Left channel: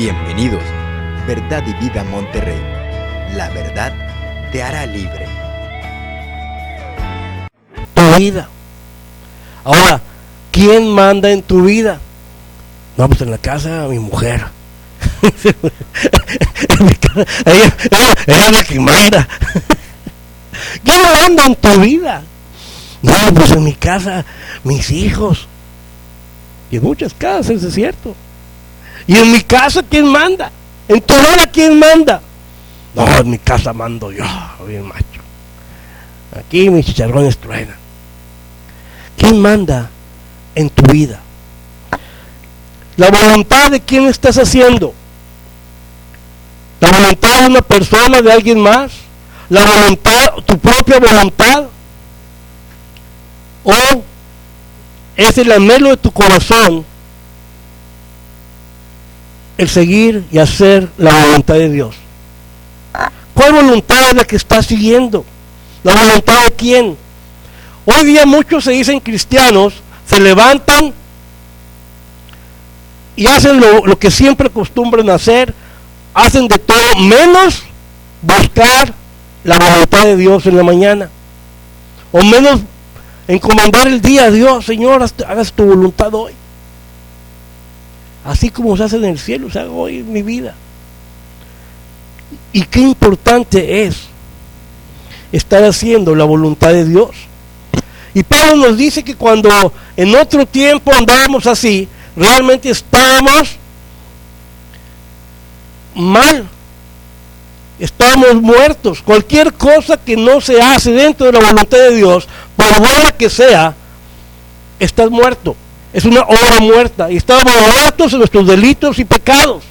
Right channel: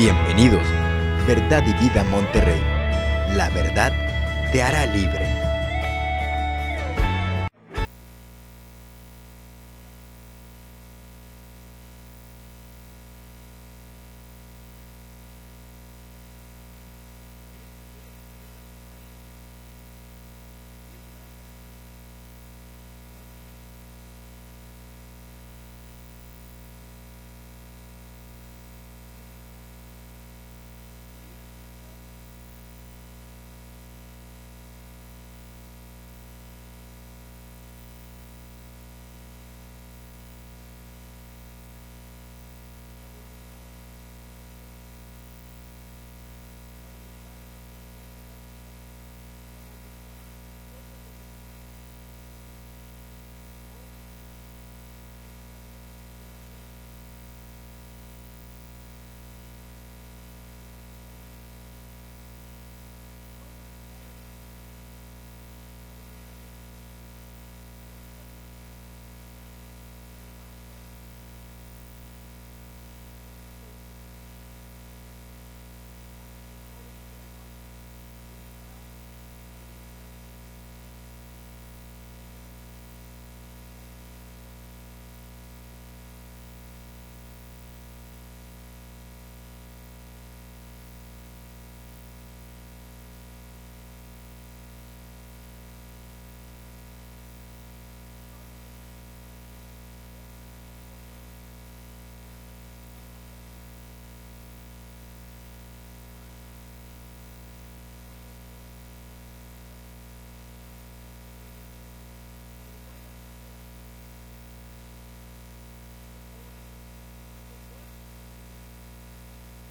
Bienvenidos, Verdad y Vida Monterrey. La verdad te hará libre. Tu vida. Ahora, ¿quién manda en tu vida? No, pues en la casa mi mujer. En mi casa, ella es la que manda. ¿Quién manda en tu vida? No, pues en mi casa mis hijos. Y en muchas casas, es cierto. Y en mi casa, ¿quién manda? En tu vida, ¿quién manda? No, en mi casa mando yo, bien macho. Aquí mis chicharrones truenan. ¿Quién manda en tu vida? La voluntad de quién estás haciendo. La voluntad de una persona, de alguien más. La voluntad, tu propia voluntad. O es el anhelo de tu corazón el seguir y hacer la voluntad de Dios. ¿Cuál voluntad es la que estás siguiendo? ¿La voluntad de quién? Hoy día muchos se dicen cristianos, se levantan y hacen lo que siempre acostumbran a hacer, hacen de todo menos buscar la voluntad de Dios en la mañana, o menos encomendar el día a Dios. Señor, hagas tu voluntad hoy, así como se hace en el cielo, se haga hoy en mi vida. Y qué importante es estar haciendo la voluntad de Dios. Y Pablo nos dice que cuando en otro tiempo andábamos así, realmente estábamos mal, estábamos muertos. Cualquier cosa que no se hace dentro de la voluntad de Dios, por buena que sea, estás muerto. Es una obra muerta. Y estábamos muertos en nuestros delitos y pecados.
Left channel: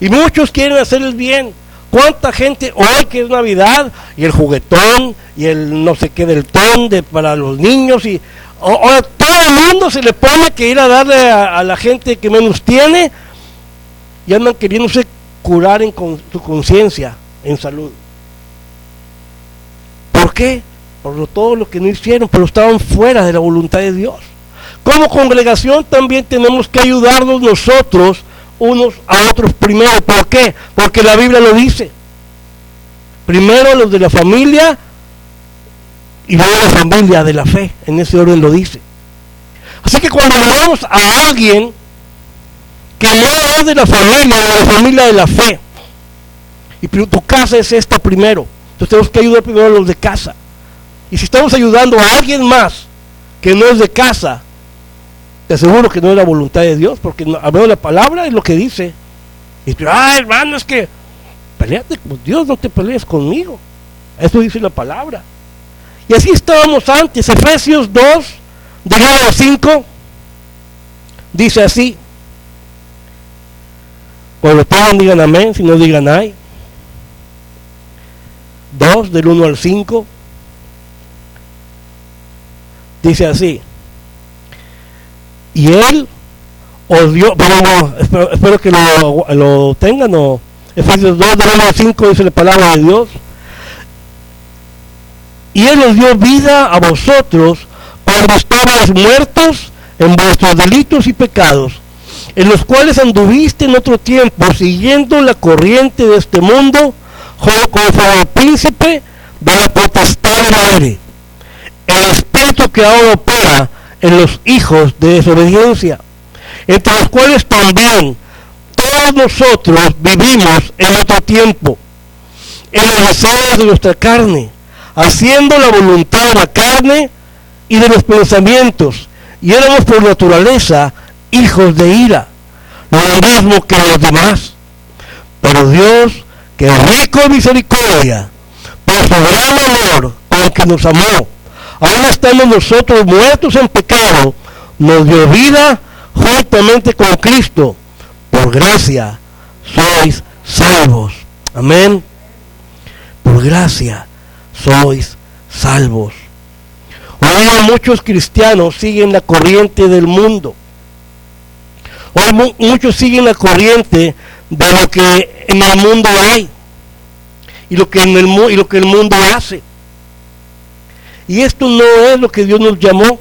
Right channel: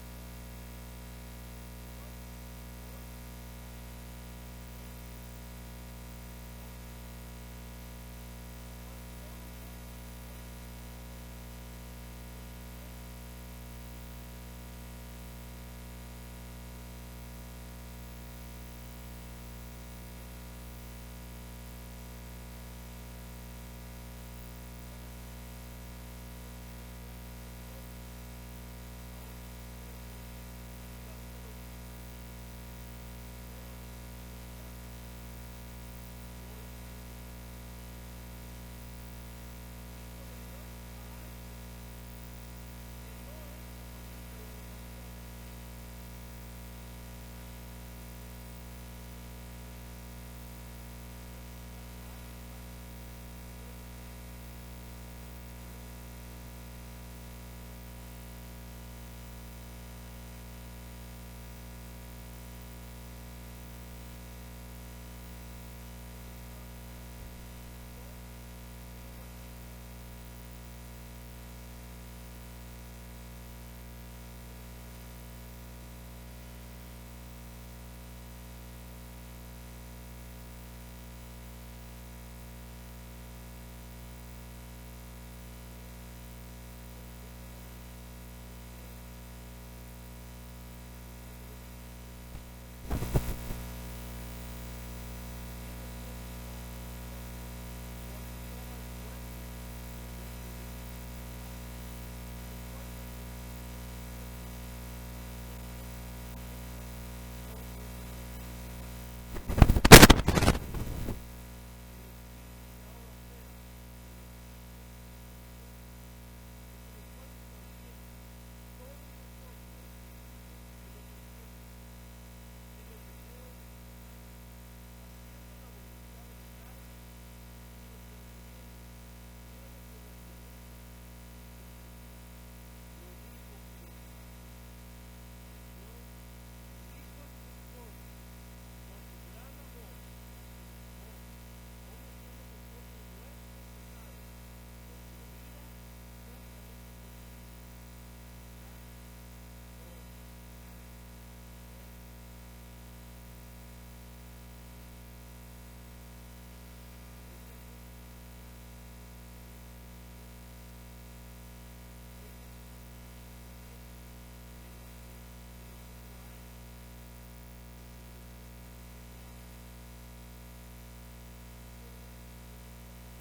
Y muchos quieren hacer el bien. ¿Cuánta gente hoy que es Navidad y el juguetón y el no sé qué del ton para los niños, y ahora todo el mundo se le pone que ir a darle a la gente que menos tiene, y andan queriéndose curar en su conciencia, en salud? ¿Por qué? Por todo lo que no hicieron, pero estaban fuera de la voluntad de Dios. Como congregación también tenemos que ayudarnos nosotros unos a otros primero. ¿Por qué? Porque la Biblia lo dice. Primero los de la familia y luego la familia de la fe. En ese orden lo dice. Así que cuando vamos a alguien que no es de la familia de la fe, y tu casa es esta primero, entonces tenemos que ayudar primero a los de casa. Y si estamos ayudando a alguien más que no es de casa, te aseguro que no es la voluntad de Dios, porque hablando la palabra es lo que dice. Y tú, hermano, es que peleate con Dios, no te pelees conmigo. Eso dice la palabra. Y así estábamos antes. Efesios 2, de 1 al 5, dice así. Cuando puedan digan amén, si no digan ay. 2, del 1 al 5, dice así. Y Él os dio, espero que lo tengan, o Efesios 2, del 1 al 5, dice la palabra de Dios. Y Él os dio vida a vosotros cuando estabais muertos en vuestros delitos y pecados, en los cuales anduviste en otro tiempo, siguiendo la corriente de este mundo, conforme al príncipe de la potestad del aire, el espíritu que ahora opera en los hijos de desobediencia, entre los cuales también todos nosotros vivimos en otro tiempo, en los deseos de nuestra carne, haciendo la voluntad de la carne y de los pensamientos, y éramos por naturaleza hijos de ira, lo mismo que los demás. Pero Dios, que es rico en misericordia, por su gran amor con que nos amó, aún estando nosotros muertos en pecado, nos dio vida juntamente con Cristo. Por gracia sois salvos. Amén. Por gracia sois salvos. Hoy muchos cristianos siguen la corriente del mundo. Hoy muchos siguen la corriente de lo que en el mundo hay y lo que el mundo hace. Y esto no es lo que Dios nos llamó.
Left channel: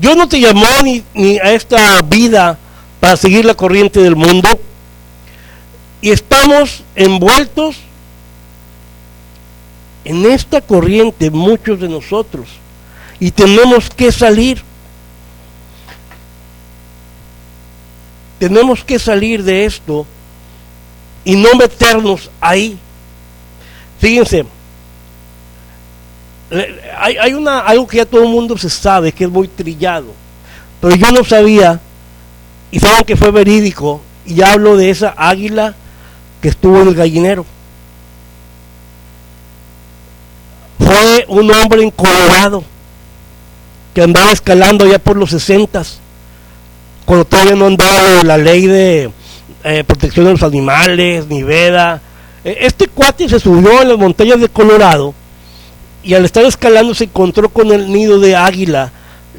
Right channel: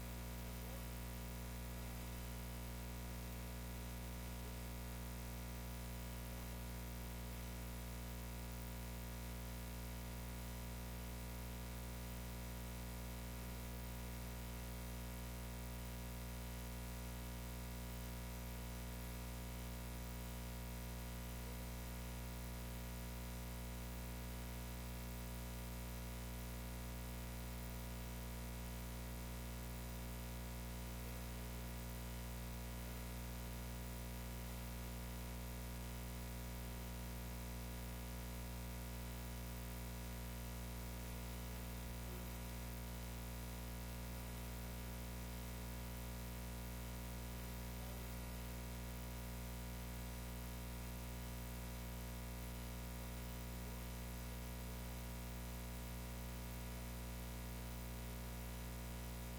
Dios no te llamó ni a esta vida para seguir la corriente del mundo, y estamos envueltos en esta corriente, muchos de nosotros, y tenemos que salir. Tenemos que salir de esto y no meternos ahí. Fíjense, hay algo que ya todo el mundo se sabe, que es muy trillado, pero yo no sabía, y saben que fue verídico, y hablo de esa águila que estuvo en el gallinero. Fue un hombre en Colorado que andaba escalando ya por los 60s, cuando todavía no andaba la ley de protección de los animales, ni veda. Este cuate se subió en las montañas de Colorado y al estar escalando se encontró con el nido de águila,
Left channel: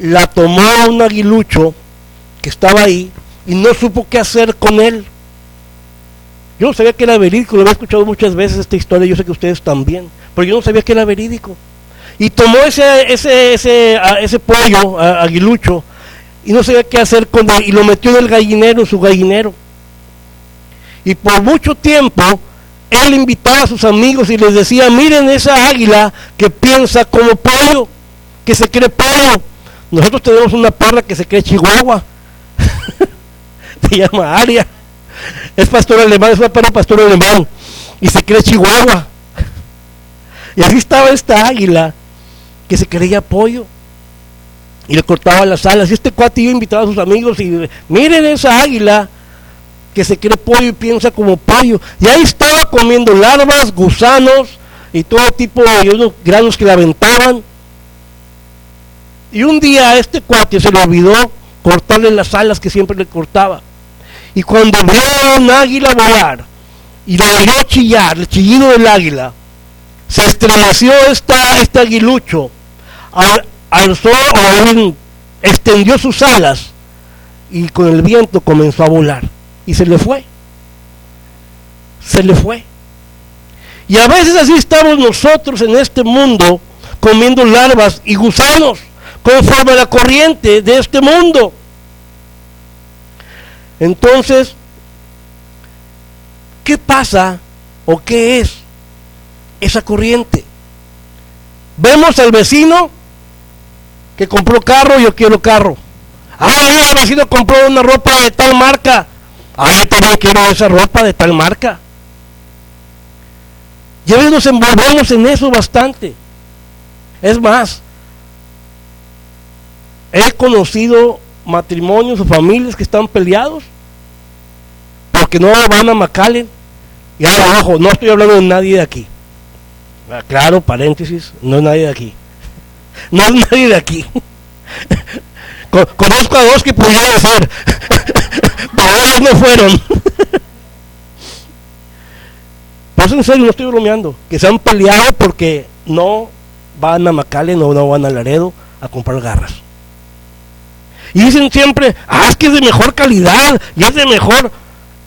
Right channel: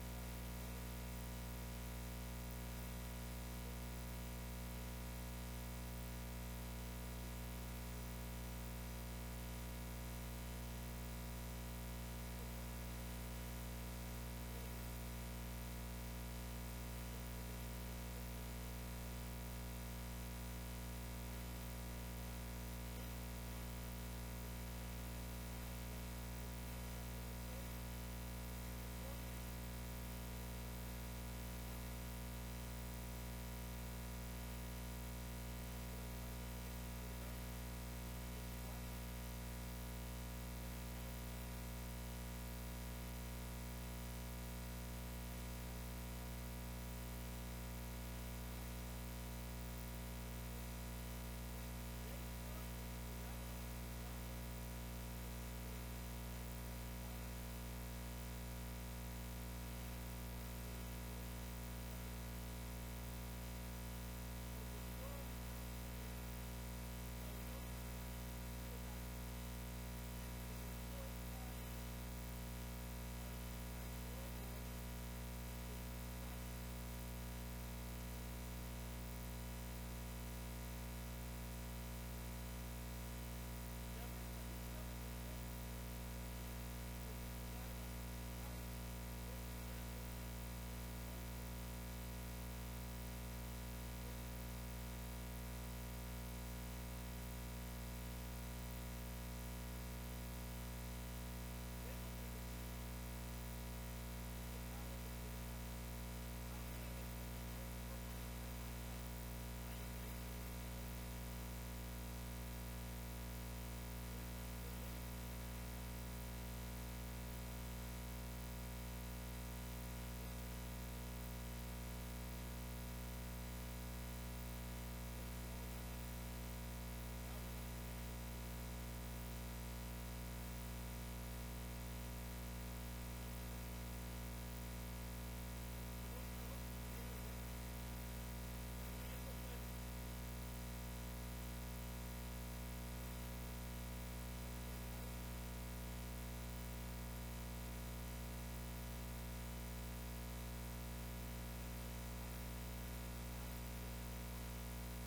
la tomó a un aguilucho que estaba ahí y no supo qué hacer con él. Yo no sabía que era verídico, lo había escuchado muchas veces esta historia, yo sé que ustedes también, pero yo no sabía que era verídico. Y tomó ese pollo aguilucho y no sabía qué hacer con él y lo metió en el gallinero, en su gallinero. Y por mucho tiempo él invitaba a sus amigos y les decía: miren esa águila que piensa como pollo, que se cree pollo. Nosotros tenemos una parra que se cree chihuahua, se llama Aria, es pastor alemán, es una parra pastor alemán y se cree chihuahua. Y así estaba esta águila que se creía pollo y le cortaba las alas. Y este cuate iba a invitar a sus amigos y miren esa águila que se cree pollo y piensa como pollo. Y ahí estaba comiendo larvas, gusanos y todo tipo de unos granos que le aventaban. Y un día a este cuate se le olvidó cortarle las alas que siempre le cortaba. Y cuando vio a un águila volar y lo oyó chillar, el chillido del águila, se estremeció este aguilucho, alzó o extendió sus alas y con el viento comenzó a volar y se le fue. Y a veces así estamos nosotros en este mundo, comiendo larvas y gusanos conforme a la corriente de este mundo. Entonces, ¿qué pasa o qué es esa corriente? Vemos al vecino que compró carro, yo quiero carro. El vecino compró una ropa de tal marca, yo también quiero esa ropa de tal marca. Ya ves, nos envolvemos en eso bastante. Es más, he conocido matrimonios o familias que están peleados porque no van a McAllen. Y ahora, abajo, no estoy hablando de nadie de aquí. Claro, paréntesis, no es nadie de aquí. No es nadie de aquí. Conozco a dos que pudieran ser, pero ellos no fueron. Pues en serio, no estoy bromeando. Que se han peleado porque no van a McAllen o no van a Laredo a comprar garras. Y dicen siempre: es que es de mejor calidad y es de mejor.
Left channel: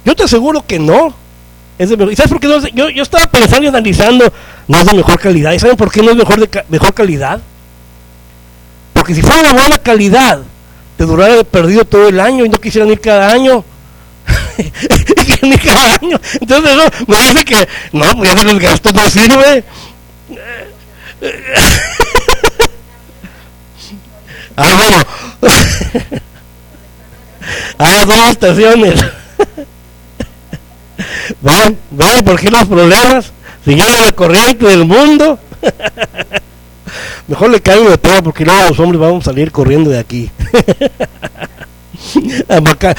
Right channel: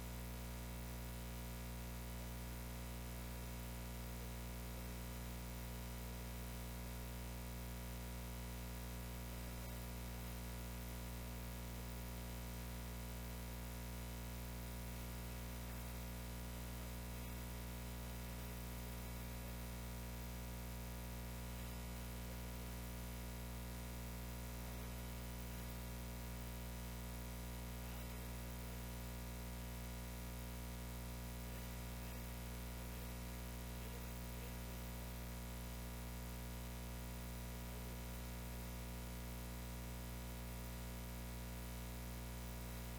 Yo te aseguro que no es de mejor. ¿Y sabes por qué no es de, yo estaba pensando y analizando, no es de mejor calidad? ¿Y saben por qué no es mejor calidad? Porque si fuera de buena calidad, te durara de perdido todo el año y no quisieran ir cada año. Ni cada año. Entonces eso me dice que no, pues ya el gasto no sirve. Bueno. Dos estaciones. ¿Ven por qué los problemas? Siguiendo la corriente del mundo. Mejor le caigo de todo, porque luego los hombres vamos a salir corriendo de aquí.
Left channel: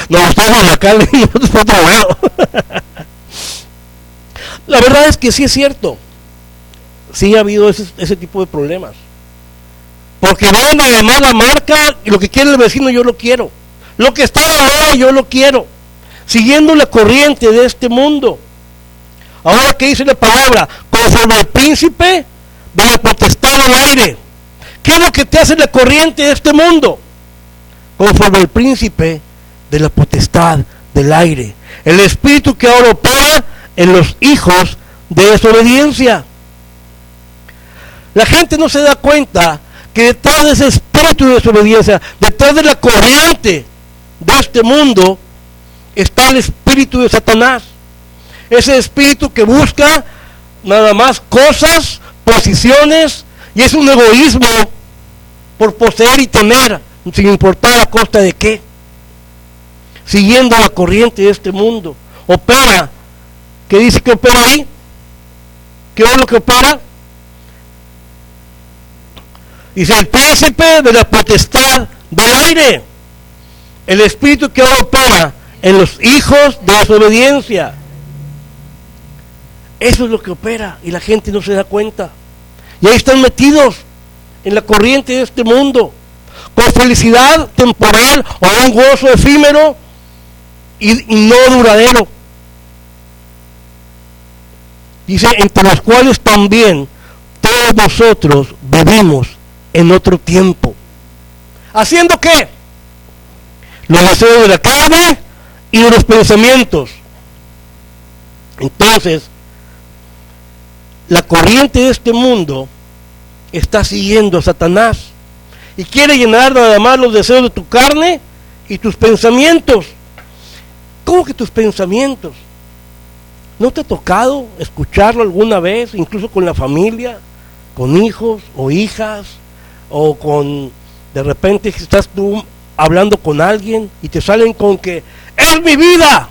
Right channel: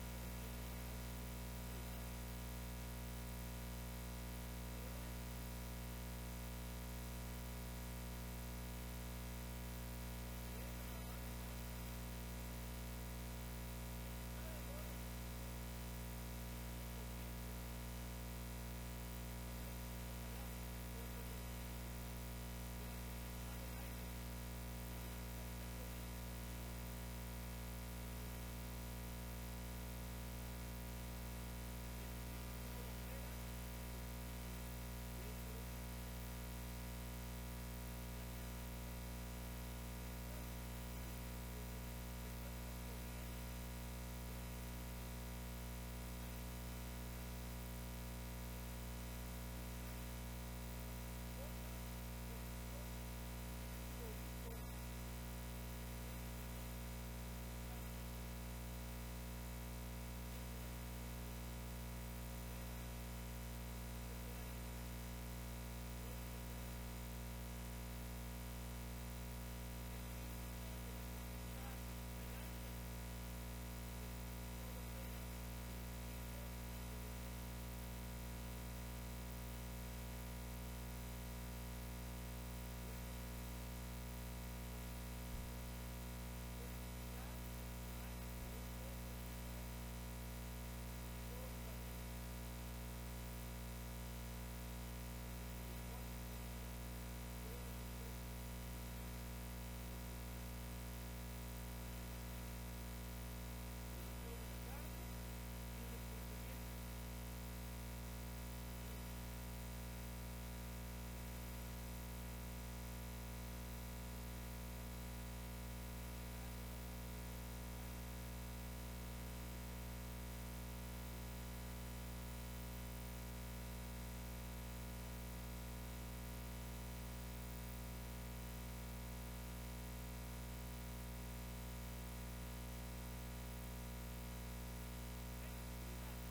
Nos gustamos acá y nosotros por otro lado. La verdad es que sí es cierto. Sí ha habido ese tipo de problemas. Porque ven además la marca y lo que quiere el vecino yo lo quiero. Lo que está de moda yo lo quiero. Siguiendo la corriente de este mundo. Ahora, ¿qué dice la palabra? Conforme al príncipe de la potestad del aire. ¿Qué es lo que te hace la corriente de este mundo? Conforme al príncipe de la potestad del aire. El espíritu que ahora opera en los hijos de desobediencia. La gente no se da cuenta que detrás de ese espíritu de desobediencia, detrás de la corriente de este mundo, está el espíritu de Satanás. Ese espíritu que busca nada más cosas, posiciones, y es un egoísmo por poseer y tener, sin importar a costa de qué. Siguiendo la corriente de este mundo. Opera. ¿Qué dice que opera ahí? ¿Qué es lo que opera? Dice el príncipe de la potestad del aire. El espíritu que ahora opera en los hijos de desobediencia. Eso es lo que opera y la gente no se da cuenta. Y ahí están metidos en la corriente de este mundo, con felicidad temporal o un gozo efímero y no duradero. Dice, entre los cuales también todos nosotros vivimos en otro tiempo. ¿Haciendo qué? Los deseos de la carne y de los pensamientos. Entonces, la corriente de este mundo está siguiendo a Satanás y quiere llenar nada más los deseos de tu carne y tus pensamientos. ¿Cómo que tus pensamientos? ¿No te ha tocado escucharlo alguna vez, incluso con la familia, con hijos o hijas, o con, de repente estás tú hablando con alguien y te salen con que es mi vida,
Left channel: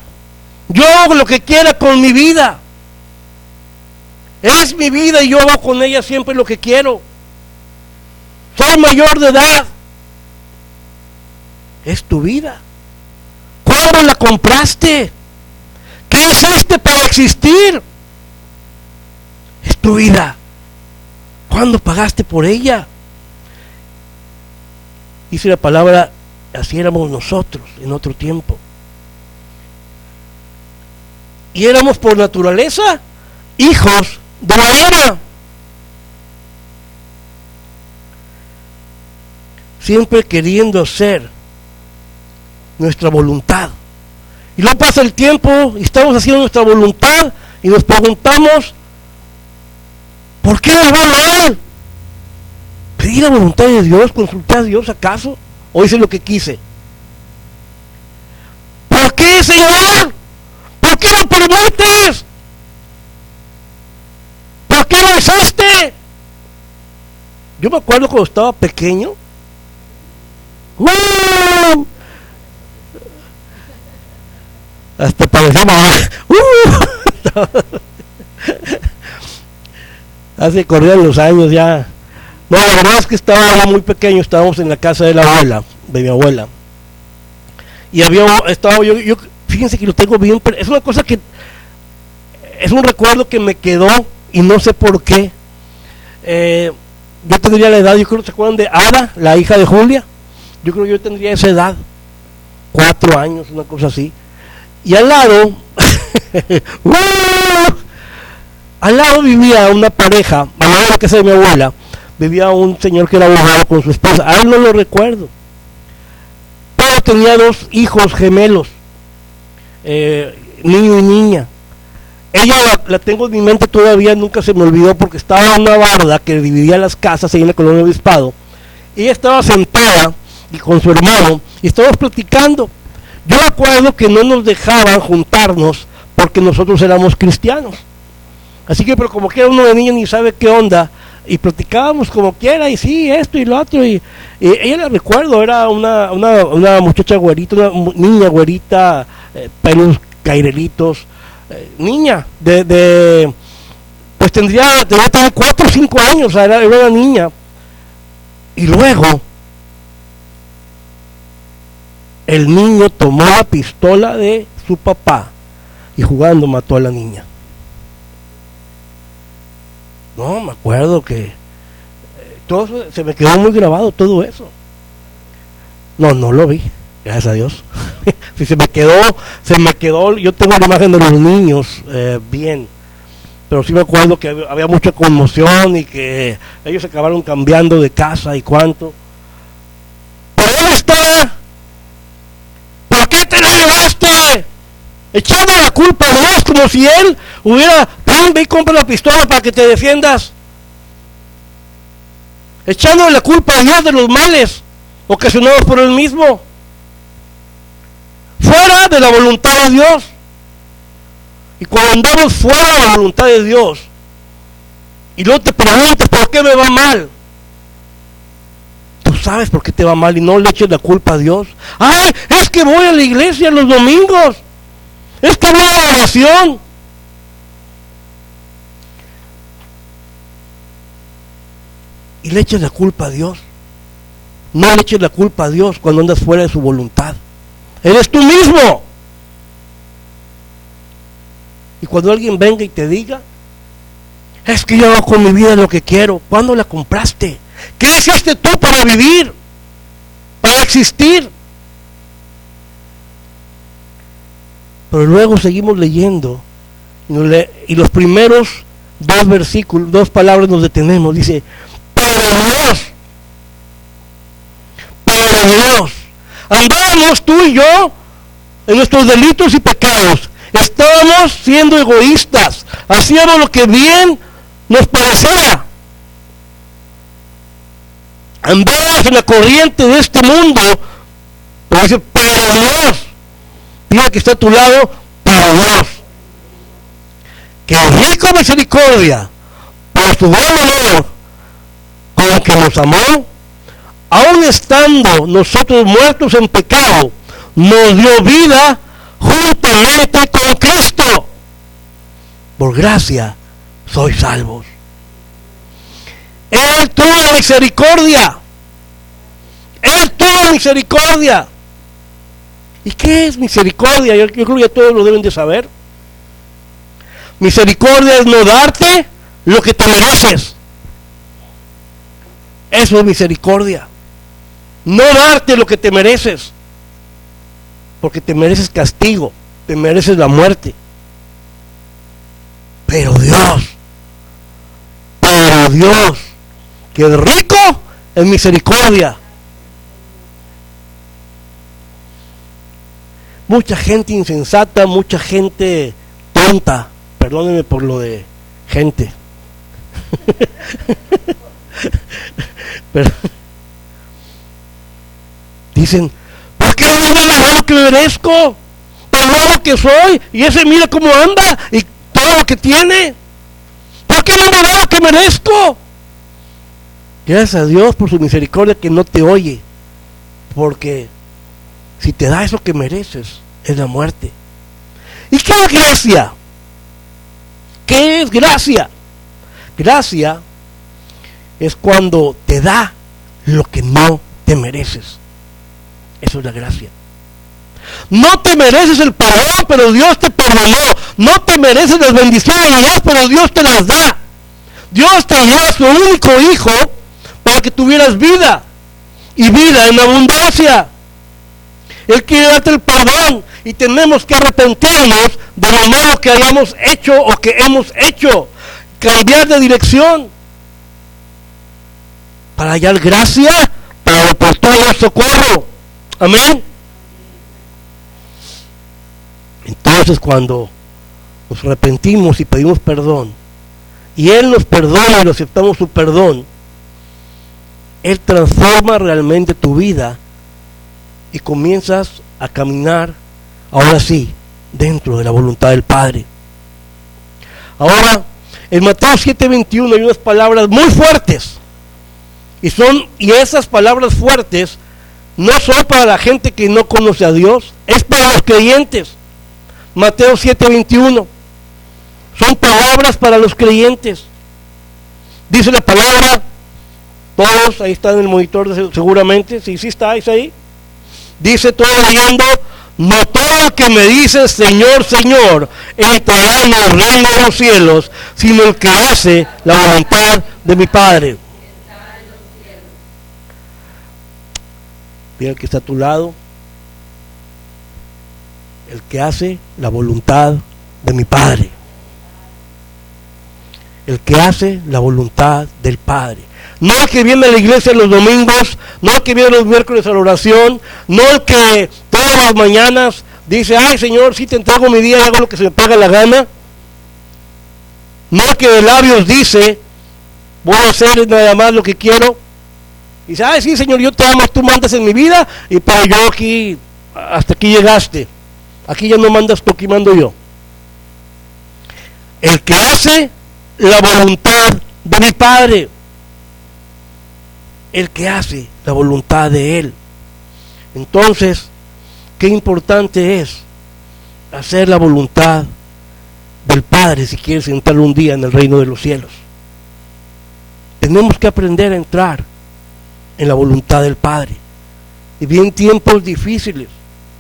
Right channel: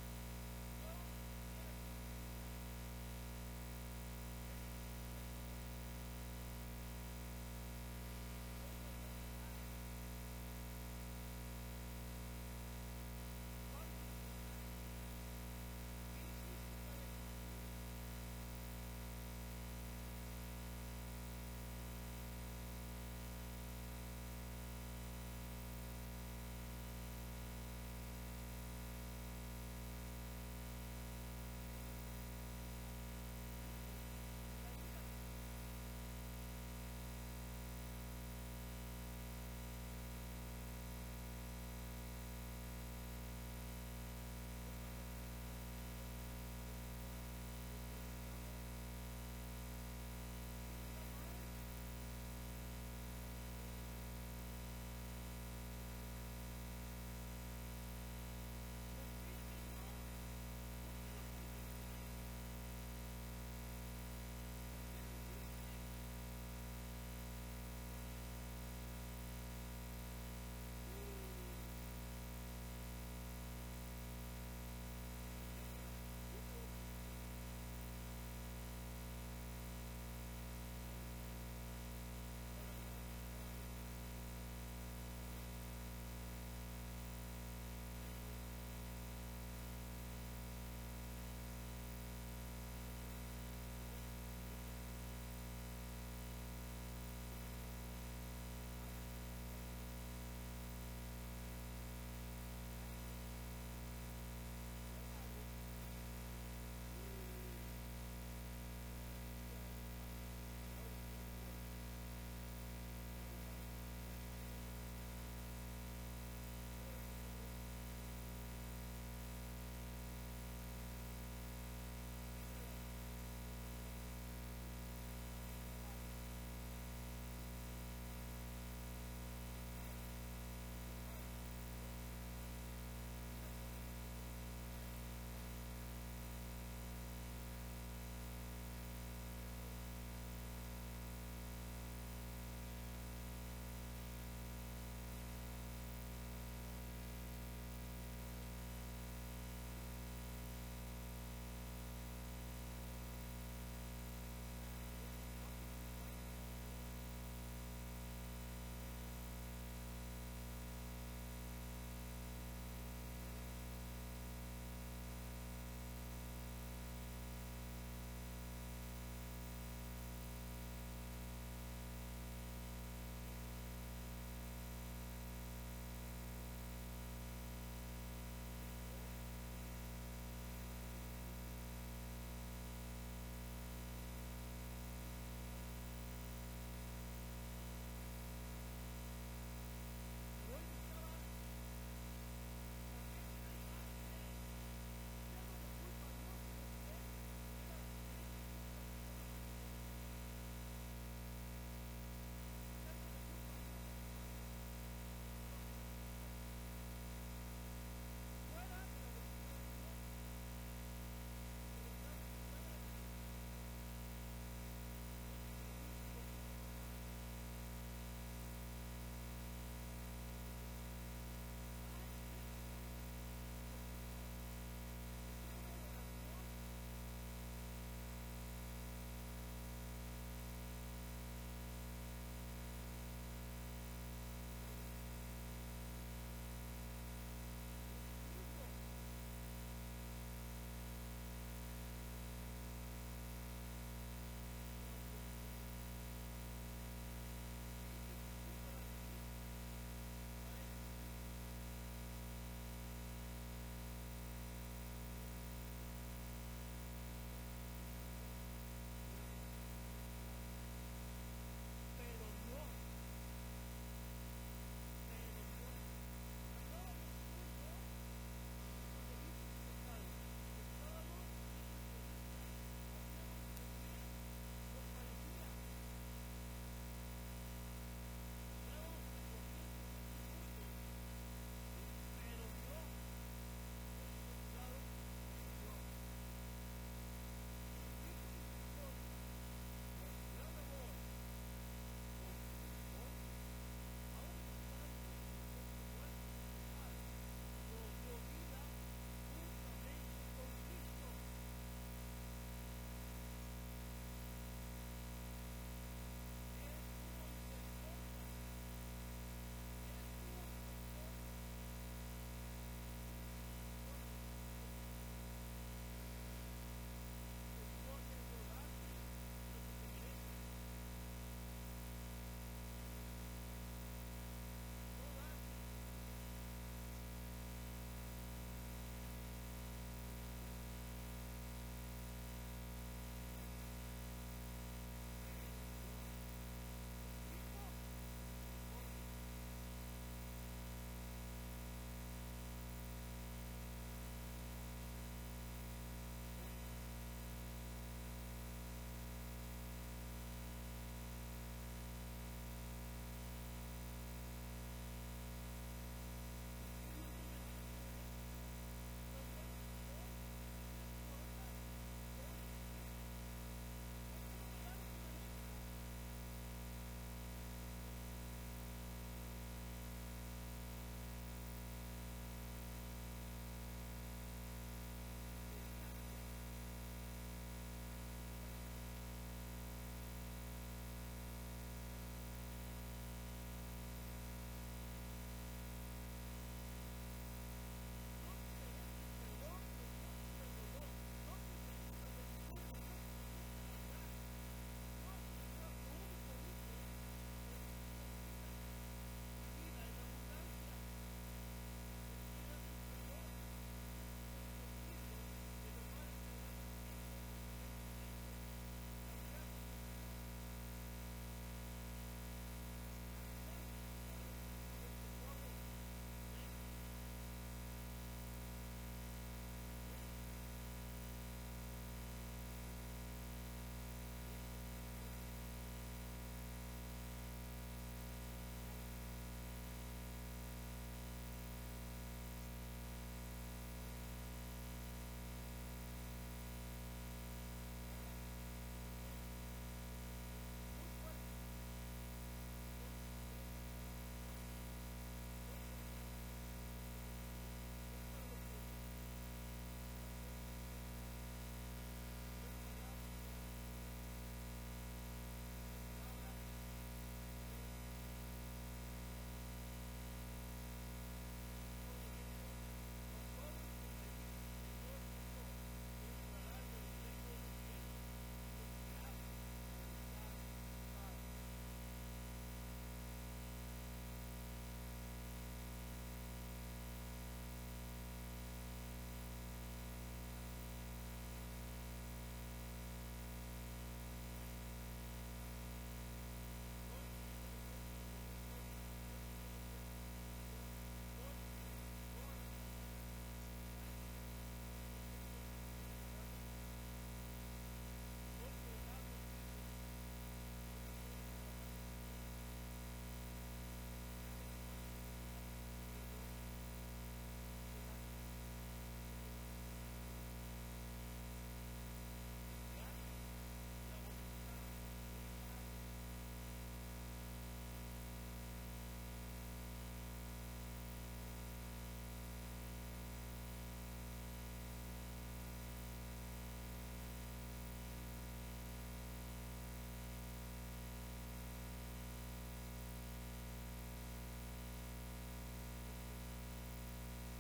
yo hago lo que quiera con mi vida, es mi vida y yo hago con ella siempre lo que quiero, soy mayor de edad? Es tu vida. ¿Cuándo la compraste? ¿Qué hiciste para existir? Es tu vida. ¿Cuándo pagaste por ella? Dice la palabra, así éramos nosotros en otro tiempo. Y éramos por naturaleza hijos de la ira. Siempre queriendo hacer nuestra voluntad. Y luego pasa el tiempo y estamos haciendo nuestra voluntad y nos preguntamos, ¿por qué nos va mal? ¿Pedí la voluntad de Dios? ¿Consulté a Dios acaso? ¿O hice lo que quise? ¿Por qué, Señor? ¿Por qué lo permites? ¿Por qué lo usaste? Yo me acuerdo cuando estaba pequeño. Hasta parecía mamá. Hace corrían los años ya. No, la verdad es que estaba muy pequeño, estábamos en la casa de la abuela, de mi abuela. Y estaba yo, fíjense que lo tengo bien, es una cosa que, es un recuerdo que me quedó y no sé por qué. Yo tendría la edad, yo creo que se acuerdan de Ada, la hija de Julia. Yo creo que yo tendría esa edad, 4 años, una cosa así. Y al lado, al lado vivía una pareja, al lado de la casa de mi abuela, vivía un señor que era abogado con su esposa, a él no lo recuerdo. Pero tenía 2 hijos gemelos, niño y niña. Ella la tengo en mi mente todavía, nunca se me olvidó porque estaba en una barda que dividía las casas ahí en la colonia Obispado. Ella estaba sentada y con su hermano y estábamos platicando. Yo recuerdo que no nos dejaban juntarnos porque nosotros éramos cristianos. Así que, pero como que era uno de niños ni sabe qué onda, y platicábamos como quiera, y sí, esto y lo otro, y ella la recuerdo, era una muchacha güerita, una niña güerita, pelos cairelitos, niña, pues tendría 4 o 5 años, o sea, era una niña. Y luego el niño tomó la pistola de su papá y jugando mató a la niña. No, me acuerdo que todo eso, se me quedó muy grabado todo eso. No lo vi, gracias a Dios. Si se me quedó, yo tengo la imagen de los niños bien, pero sí me acuerdo que había mucha conmoción y que ellos acabaron cambiando de casa y cuánto. ¿Pero dónde está? ¿Por qué te lo llevaste? Echando la culpa a Dios como si él hubiera, ve y compra la pistola para que te defiendas. Echando la culpa a Dios de los males ocasionados por él mismo. fuera de la voluntad de Dios. Y cuando andamos fuera de la voluntad de Dios, y luego te preguntas, ¿por qué me va mal? Tú sabes por qué te va mal y no le eches la culpa a Dios. ¡Ay, es que voy a la iglesia los domingos! ¡Es que voy a la oración! Y le eches la culpa a Dios. No le eches la culpa a Dios cuando andas fuera de su voluntad. Eres tú mismo. Y cuando alguien venga y te diga, es que yo hago con mi vida lo que quiero. ¿Cuándo la compraste? ¿Qué hiciste tú para vivir? Para existir. Pero luego seguimos leyendo y los primeros dos versículos, dos palabras nos detenemos. Dice, pero Dios, andábamos tú y yo en nuestros delitos y pecados. Estábamos siendo egoístas, hacíamos lo que bien nos parecía. Andábamos en la corriente de este mundo. Pero dice, pero Dios, mira que está a tu lado, pero Dios, que rico misericordia, por su buen amor, con que nos amó, aun estando nosotros muertos en pecado, nos dio vida juntamente con Cristo. Por gracia sois salvos. Él tuvo misericordia. Él tuvo misericordia. ¿Y qué es misericordia? Yo creo que ya todos lo deben de saber. Misericordia es no darte lo que te mereces. Eso es misericordia. No darte lo que te mereces. Porque te mereces castigo, te mereces la muerte. Pero Dios, que es rico en misericordia. Mucha gente insensata, mucha gente tonta, perdónenme por lo de gente. Pero, dicen, ¿por qué no me da lo que merezco? Por lo que soy, y ese mira cómo anda, y todo lo que tiene. ¿Por qué no me da lo que merezco? Gracias a Dios por su misericordia que no te oye, porque si te da eso que mereces, es la muerte. ¿Y qué es gracia? ¿Qué es gracia? Gracia es cuando te da lo que no te mereces. Eso es la gracia. No te mereces el perdón, pero Dios te perdonó. No te mereces las bendiciones de Dios, pero Dios te las da. Dios te dio a su único hijo para que tuvieras vida, y vida en abundancia. Él quiere darte el perdón, y tenemos que arrepentirnos de lo malo que hayamos hecho o que hemos hecho, cambiar de dirección para hallar gracia, para oportuno socorro. Amén. Entonces, cuando nos arrepentimos y pedimos perdón, y Él nos perdona y aceptamos su perdón, Él transforma realmente tu vida y comienzas a caminar, ahora sí, dentro de la voluntad del Padre. Ahora, en Mateo 7:21 hay unas palabras muy fuertes, y esas palabras fuertes no son para la gente que no conoce a Dios, es para los creyentes. Mateo 7:21 son palabras para los creyentes. Dice la palabra, todos, ahí está en el monitor seguramente, si sí estáis ahí. Dice todo leyendo, no todo el que me dice Señor, Señor, entrará en el reino de los cielos, sino el que hace la voluntad de mi Padre. Mira el que está a tu lado, el que hace la voluntad de mi Padre. El que hace la voluntad del Padre. No el que viene a la iglesia los domingos, no el que viene los miércoles a la oración, no el que todas las mañanas dice, ay Señor, sí te entrego mi día y hago lo que se me paga la gana. No el que de labios dice, voy a hacer nada más lo que quiero. Y dice, ay sí Señor, yo te amo, tú mandas en mi vida, y para yo aquí hasta aquí llegaste, aquí ya no mandas tú, aquí mando yo. El que hace la voluntad de mi Padre, el que hace la voluntad de Él. Entonces, qué importante es hacer la voluntad del Padre si quieres entrar un día en el reino de los cielos. Tenemos que aprender a entrar en la voluntad del Padre. Y vienen tiempos difíciles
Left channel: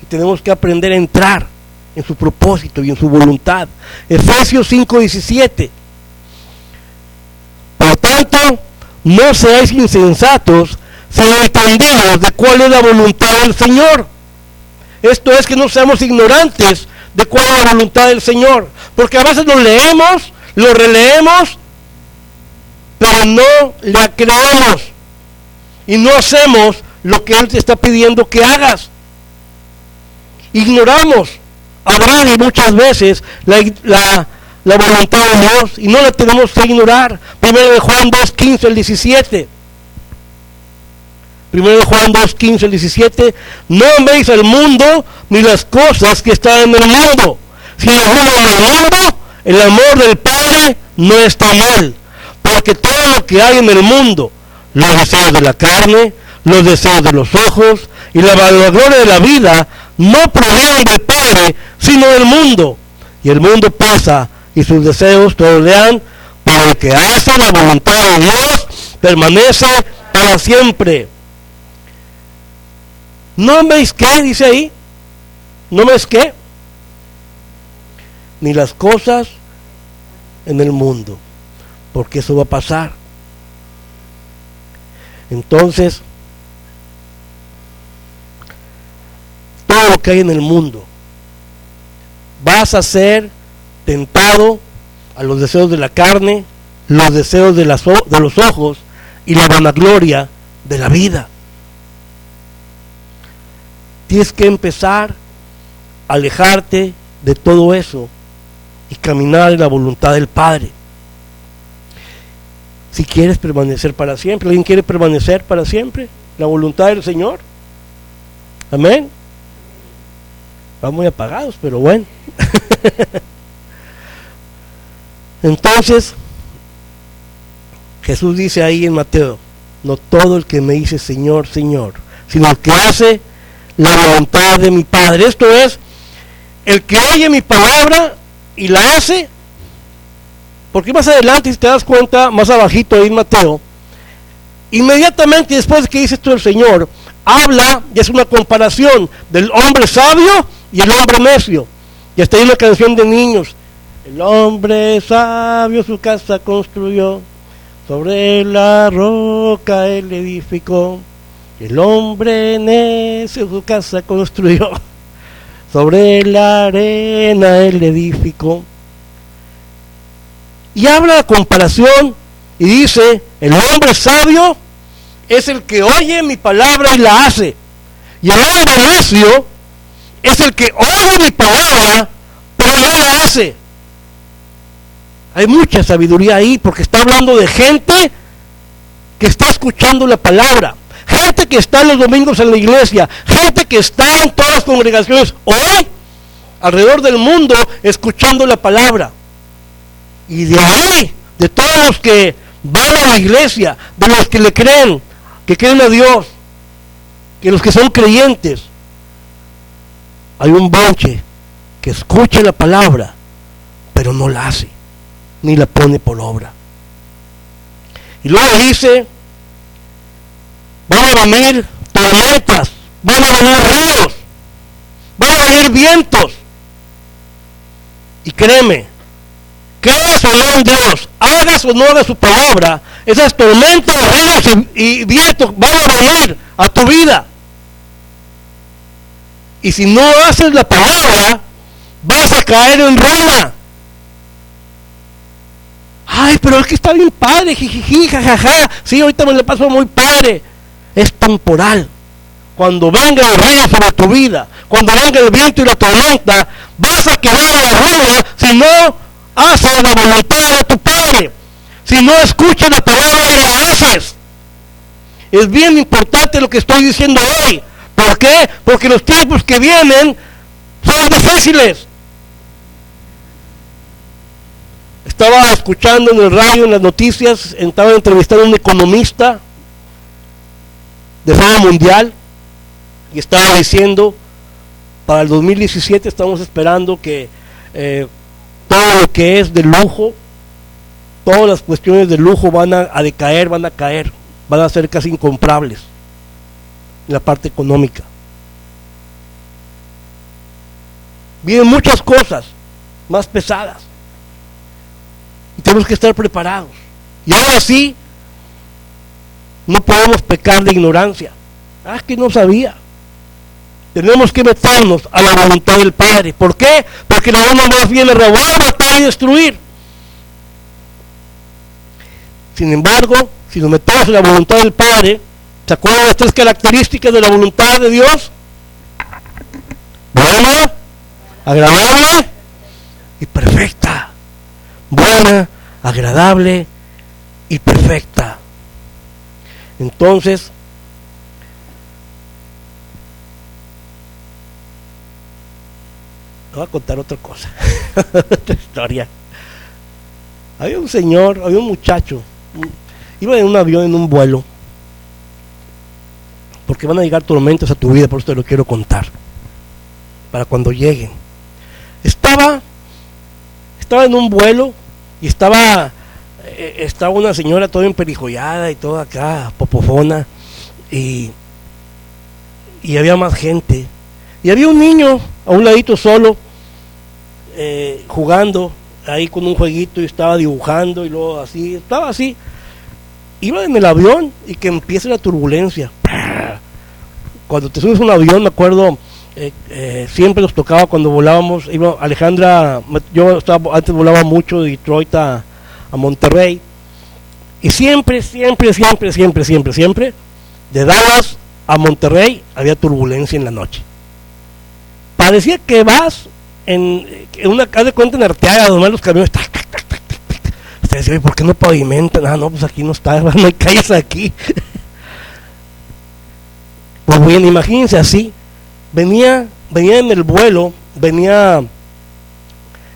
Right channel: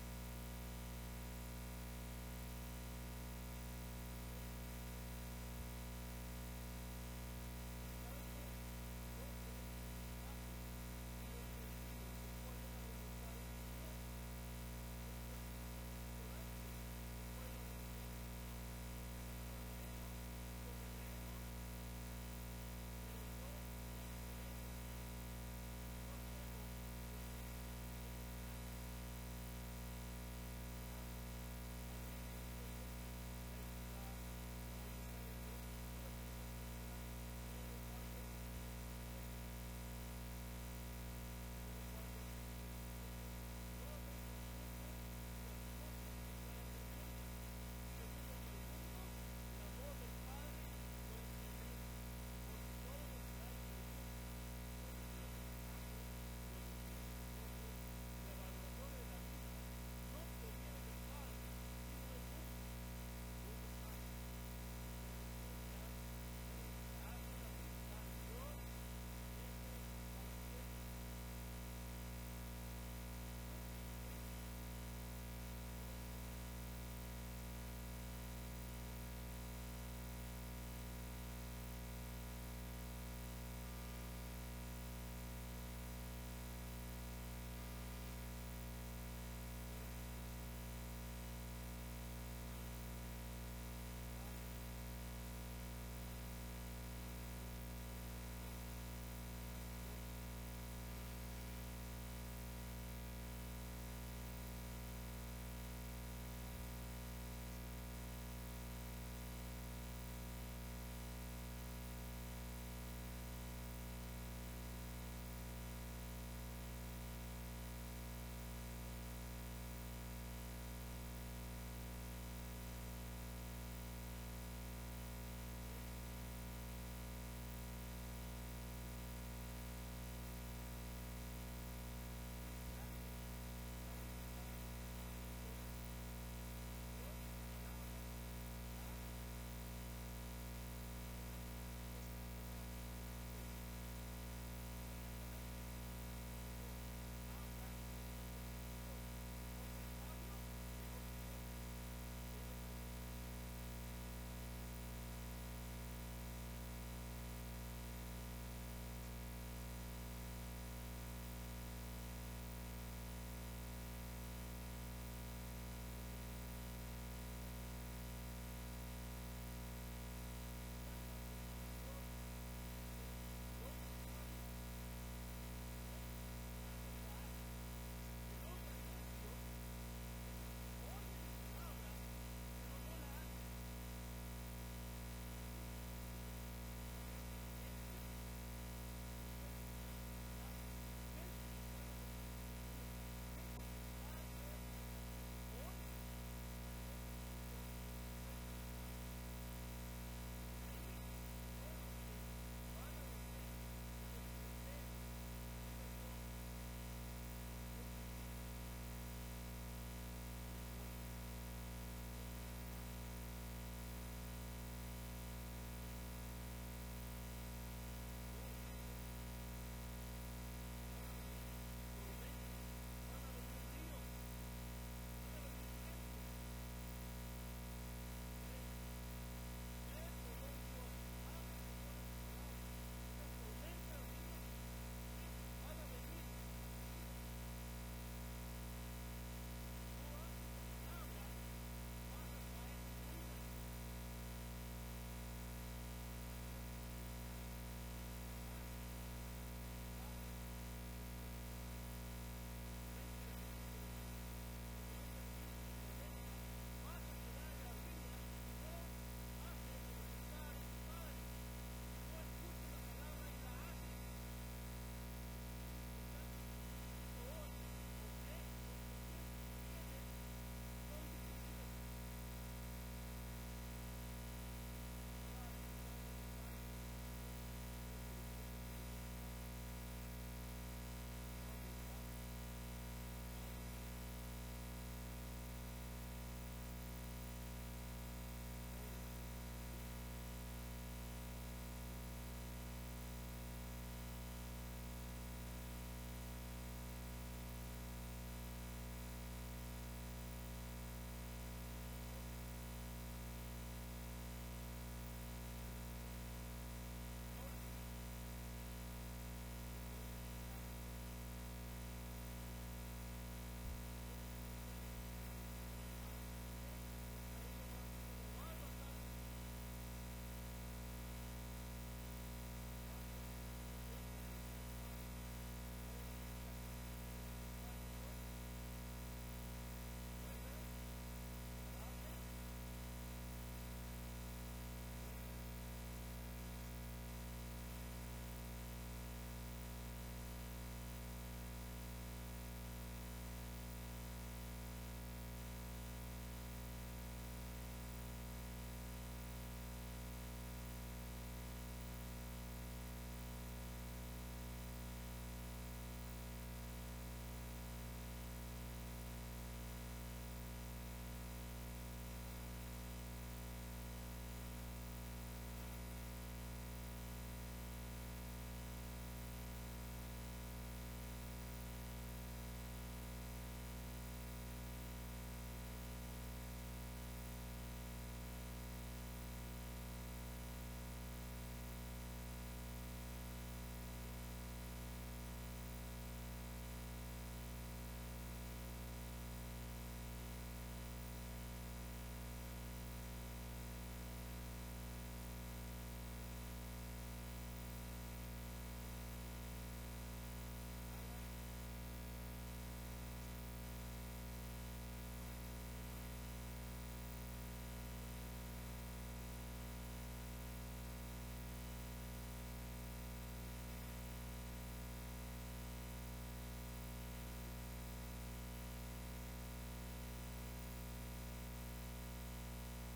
y tenemos que aprender a entrar en su propósito y en su voluntad. Efesios 5:17. Por tanto, no seáis insensatos, sino entendidos de cuál es la voluntad del Señor. Esto es, que no seamos ignorantes de cuál es la voluntad del Señor, porque a veces lo leemos, lo releemos, pero no le creemos y no hacemos lo que Él te está pidiendo que hagas. Ignoramos a Brady muchas veces la voluntad de Dios y no la tenemos que ignorar. Primero de Juan 2:15 al 17. Primero de Juan 2:15 al 17. No améis al mundo ni las cosas que están en el mundo. Si el mundo en el mundo, el amor del Padre no está en él. Porque todo lo que hay en el mundo, los deseos de la carne, los deseos de los ojos y la vanagloria de la vida, no provienen del Padre, sino del mundo. Y el mundo pasa y sus deseos tolean, pero el que hace la voluntad de Dios permanece para siempre. ¿No veis qué? Dice ahí. ¿No veis qué? Ni las cosas en el mundo, porque eso va a pasar. Entonces, todo lo que hay en el mundo, vas a ser tentado a los deseos de la carne, los deseos de los ojos y la vanagloria de la vida. Tienes que empezar a alejarte de todo eso y caminar en la voluntad del Padre. Si quieres permanecer para siempre, ¿alguien quiere permanecer para siempre? La voluntad del Señor. Amén. Van muy apagados, pero bueno. Entonces, Jesús dice ahí en Mateo: no todo el que me dice Señor, Señor, sino el que hace la voluntad de mi Padre. Esto es, el que oye mi palabra y la hace. Porque más adelante, si te das cuenta, más abajito ahí en Mateo, inmediatamente después de que dice esto el Señor, habla y es una comparación del hombre sabio y el hombre necio. Y hasta hay una canción de niños: el hombre sabio su casa construyó, sobre la roca él edificó. El hombre necio su casa construyó, sobre la arena él edificó. Y habla la comparación y dice: el hombre sabio es el que oye mi palabra y la hace, y el hombre necio es el que oye mi palabra pero no la hace. Hay mucha sabiduría ahí, porque está hablando de gente que está escuchando la palabra, gente que está los domingos en la iglesia, gente que está en todas las congregaciones hoy alrededor del mundo escuchando la palabra. Y de ahí, de todos los que van a la iglesia, de los que le creen, que creen a Dios, que los que son creyentes, hay un bonche que escucha la palabra pero no la hace, ni la pone por obra. Y luego dice: van a venir tormentas, van a venir ríos, van a venir vientos. Y créeme, creas o no en Dios, hagas o no hagas su palabra, esas tormentas, ríos y vientos van a venir a tu vida. Y si no haces la palabra, vas a caer en ruina. Ay, pero es que está bien padre, jijiji, jajaja. Sí, ahorita me le paso muy padre. Es temporal. Cuando venga el río sobre tu vida, cuando venga el viento y la tormenta, vas a quedar en la ruina si no haces la voluntad de tu Padre, si no escuchas la palabra y la haces. Es bien importante lo que estoy diciendo hoy, ¿Por qué? Porque los tiempos que vienen son difíciles. Estaba escuchando en el radio, en las noticias, estaba entrevistando a un economista de fama mundial y estaba diciendo, para el 2017 estamos esperando que todo lo que es de lujo, todas las cuestiones de lujo van a decaer, van a ser casi incomprables en la parte económica. Vienen muchas cosas más pesadas y tenemos que estar preparados. Y ahora sí, no podemos pecar de ignorancia. Que no sabía. Tenemos que meternos a la voluntad del Padre. ¿Por qué? Porque la onda más viene a robar, matar y destruir. Sin embargo, si nos metemos en la voluntad del Padre, ¿se acuerdan de las 3 características de la voluntad de Dios? Buena, agradable y perfecta. Buena, agradable y perfecta. Entonces, voy a contar otra cosa, otra historia. Había un muchacho, iba en un avión, en un vuelo, porque van a llegar tormentas a tu vida, por eso te lo quiero contar, para cuando lleguen. Estaba en un vuelo y estaba una señora toda emperijollada y toda acá, popofona, y había más gente. Y había un niño a un ladito solo, jugando ahí con un jueguito y estaba dibujando y luego así, estaba así. Iba en el avión y que empieza la turbulencia. Cuando te subes a un avión, me acuerdo, siempre nos tocaba cuando volábamos, Alejandra, antes volaba mucho de Detroit a Monterrey, y siempre, de Dallas a Monterrey había turbulencia en la noche. Parecía que vas en una casa de cuenta en Arteaga, donde los camiones, usted decía, ¿por qué no pavimentan? No, pues aquí no está, no hay calles aquí. Pues bien, imagínense así, venía en el vuelo, venía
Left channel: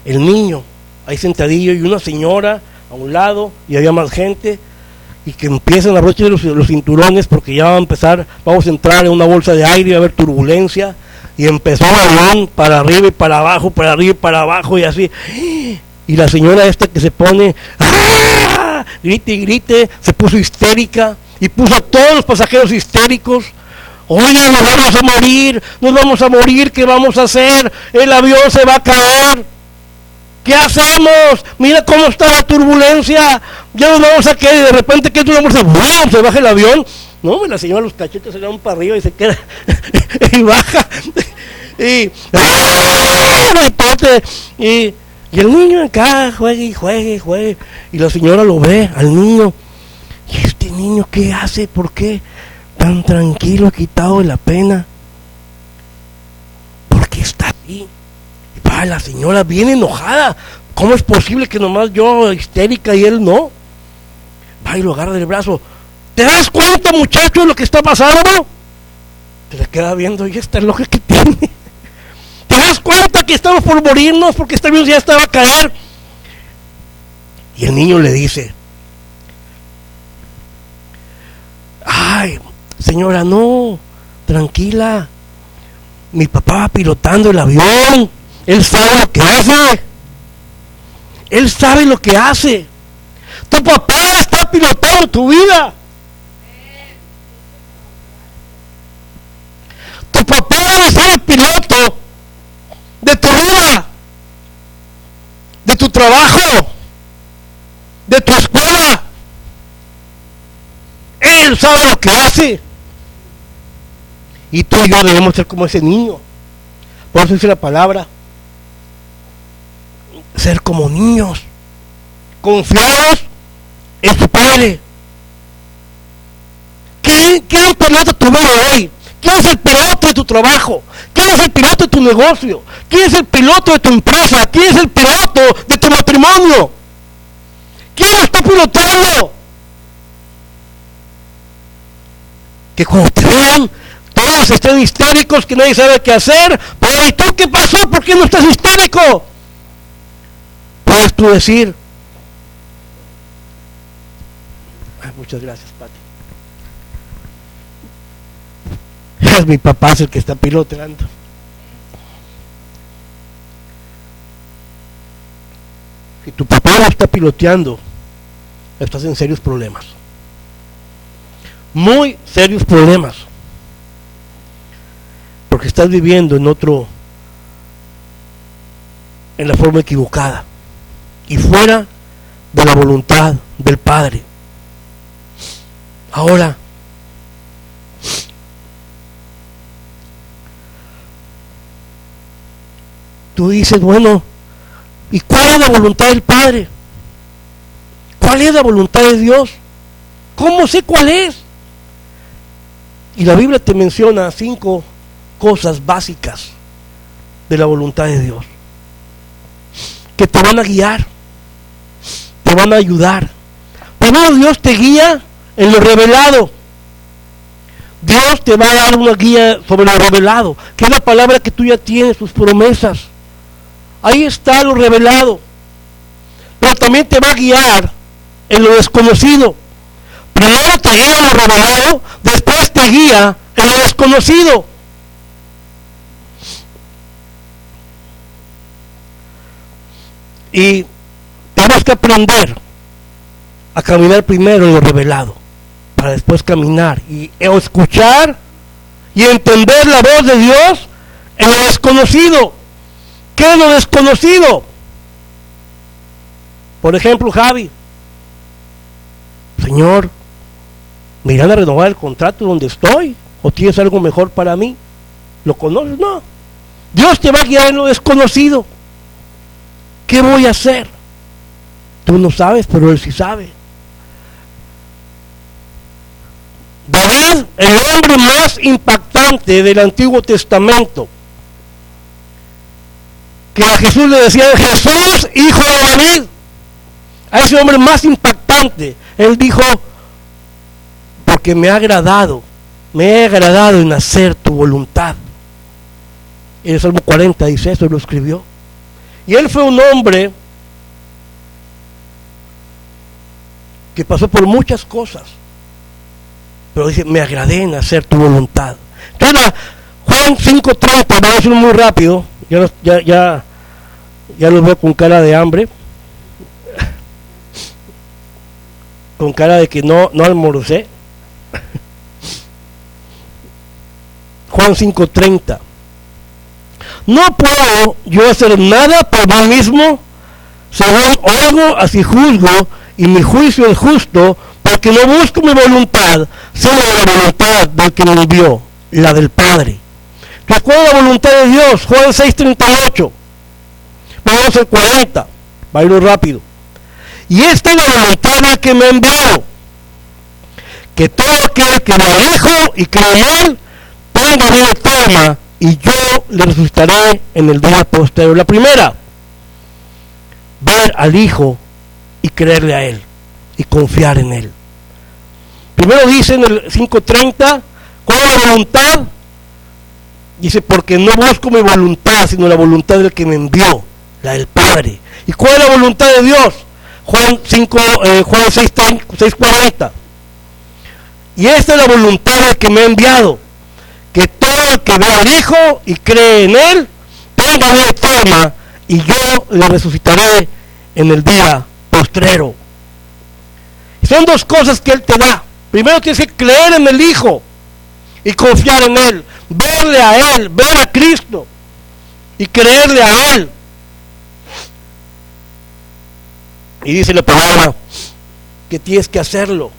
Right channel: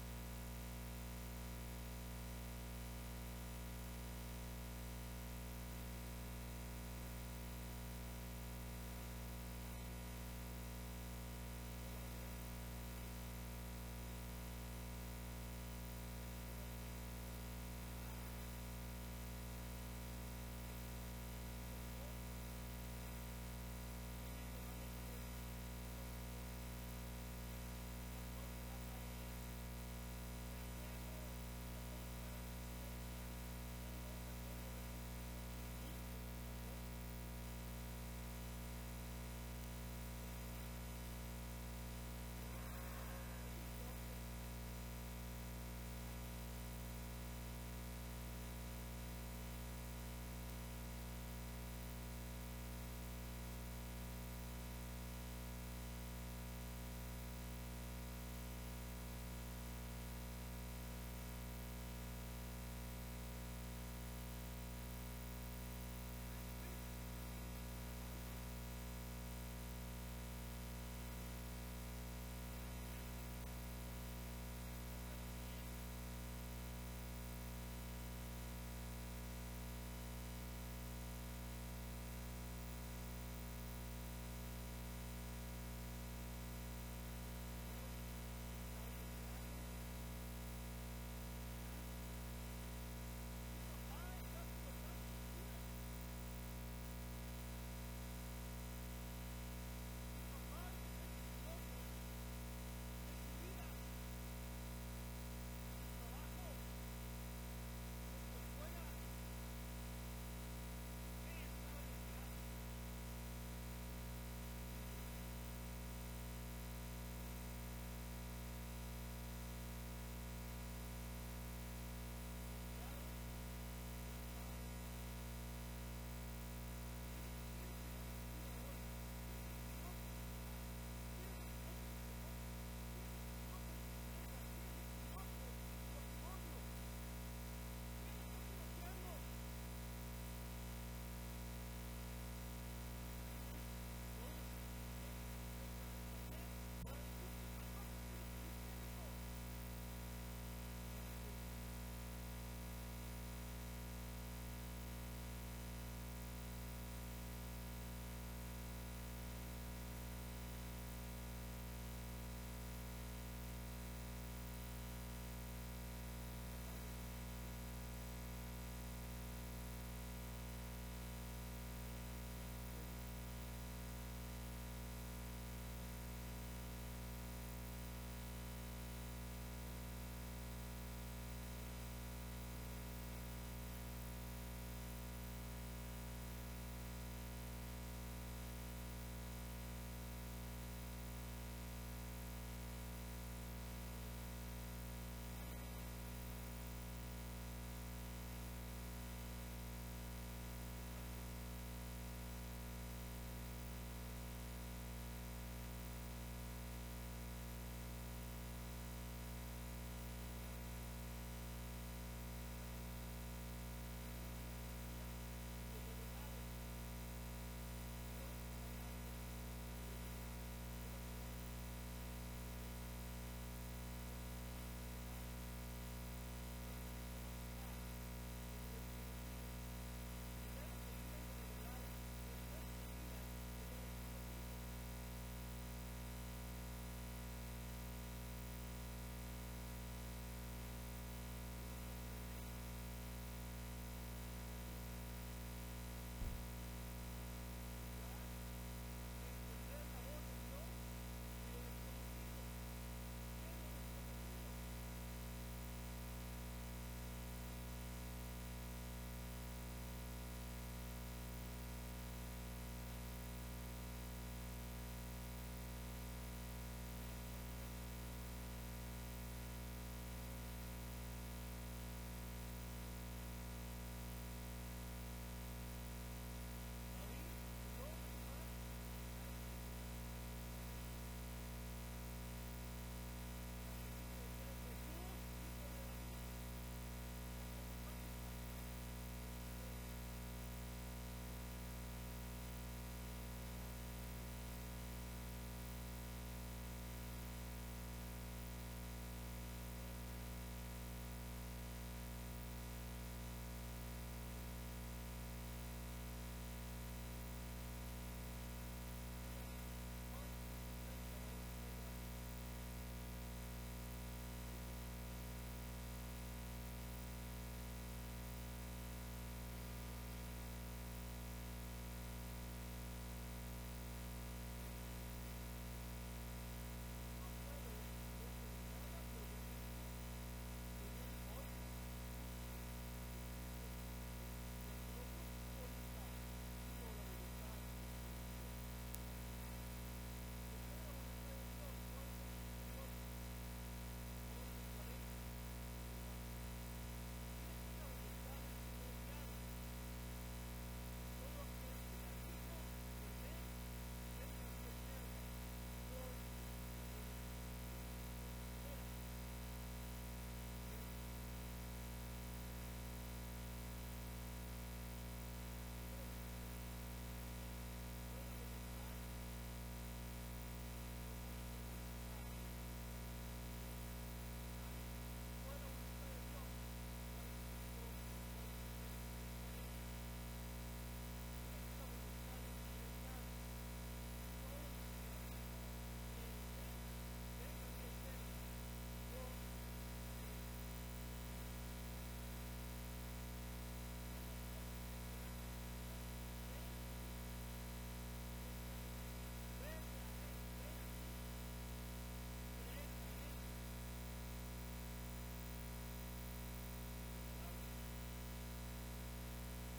el niño ahí sentadillo y una señora a un lado y había más gente, y que empiezan a abrochar los cinturones porque ya va a empezar, vamos a entrar en una bolsa de aire, va a haber turbulencia, y empezó el avión para arriba y para abajo, para arriba y para abajo y así, y la señora esta que se pone grite y grite, se puso histérica y puso a todos los pasajeros histéricos. Oye, nos vamos a morir, ¿qué vamos a hacer? El avión se va a caer. ¿Qué hacemos? Mira cómo está la turbulencia. Ya nos vamos a caer y de repente que se baja el avión. No, la señora los cachetes se le van para arriba y se queda y baja. Y el niño acá juegue. Y la señora lo ve al niño. ¿Y este niño qué hace? ¿Por qué? Tan tranquilo, quitado de la pena. ¿Por qué está ahí? Y la señora bien enojada. ¿Cómo es posible que nomás yo histérica y él no? Va y lo agarra del brazo. ¿Te das cuenta, muchacho, de lo que está pasando? Se le queda viendo, y esta loca que tiene. ¿Te das cuenta que estamos por morirnos porque este avión ya estaba a caer? Y el niño le dice, ay, señora, no, tranquila, mi papá va pilotando el avión, él sabe lo que hace, él sabe lo que hace, tu papá está pilotando tu vida, tu papá debe ser el piloto de tu vida, de tu trabajo, de tu escuela. Él sabe lo que hace. Y tú y yo debemos ser como ese niño. Por eso dice la palabra, ser como niños, confiados en su Padre. ¿Quién es el piloto de tu vida hoy? ¿Quién es el piloto de tu trabajo? ¿Quién es el piloto de tu negocio? ¿Quién es el piloto de tu empresa? ¿Quién es el piloto de tu matrimonio? ¿Quién lo está pilotando? Que cuando te vean, todo todos estén histéricos, que nadie sabe qué hacer. Pero ¿y tú qué pasó? ¿Por qué no estás histérico? Puedes tú decir, muchas gracias, Pati. Es mi papá, es el que está piloteando. Si tu papá no está piloteando, estás en serios problemas. Muy serios problemas. Porque estás viviendo en la forma equivocada y fuera de la voluntad del Padre. Ahora, tú dices, bueno, ¿y cuál es la voluntad del Padre? ¿Cuál es la voluntad de Dios? ¿Cómo sé cuál es? Y la Biblia te menciona 5 cosas básicas de la voluntad de Dios, que te van a guiar, te van a ayudar. Primero, Dios te guía en lo revelado. Dios te va a dar una guía sobre lo revelado, que es la palabra que tú ya tienes, tus promesas. Ahí está lo revelado. Pero también te va a guiar en lo desconocido. Primero te guía en lo revelado, después te guía en lo desconocido. Y tenemos que aprender a caminar primero en lo revelado, para después caminar y escuchar y entender la voz de Dios en lo desconocido. ¿Qué es lo desconocido? Por ejemplo, Javi, Señor, ¿me irán a renovar el contrato donde estoy? ¿O tienes algo mejor para mí? ¿Lo conoces? No. Dios te va a guiar en lo desconocido. ¿Qué voy a hacer? Tú no sabes, pero Él sí sabe. David, el hombre más impactante del Antiguo Testamento, que a Jesús le decía, Jesús, hijo de David, a ese hombre más impactante, él dijo, porque me ha agradado en hacer tu voluntad. En el Salmo 40 dice eso, lo escribió. Y él fue un hombre que pasó por muchas cosas, pero dice, me agradé en hacer tu voluntad. Entonces, Juan 5:30, vamos a decirlo muy rápido, ya los veo con cara de hambre, con cara de que no almorcé. Juan 5:30. No puedo yo hacer nada por mí mismo, según oigo, así juzgo, y mi juicio es justo, porque no busco mi voluntad, sino la voluntad del que me envió, la del Padre. ¿Cuál es la voluntad de Dios? Juan 6:38. Vamos al 40, va a ir rápido. Y esta es la voluntad del que me envió, que todo aquel que me dijo y cree en él, tenga vida eterna, y yo le resucitaré en el día posterior. La primera, ver al Hijo y creerle a Él y confiar en Él. Primero dice en el 5:30, ¿cuál es la voluntad? Dice, porque no busco mi voluntad, sino la voluntad del que me envió, la del Padre. ¿Y cuál es la voluntad de Dios? Juan 6:40. Y esta es la voluntad del que me ha enviado, que todo el que ve al Hijo y cree en Él tenga vida eterna, y yo le resucitaré en el día postrero. Son dos cosas que Él te da. Primero tienes que creer en el Hijo y confiar en Él, verle a Él, ver a Cristo y creerle a Él. Y dice la palabra que tienes que hacerlo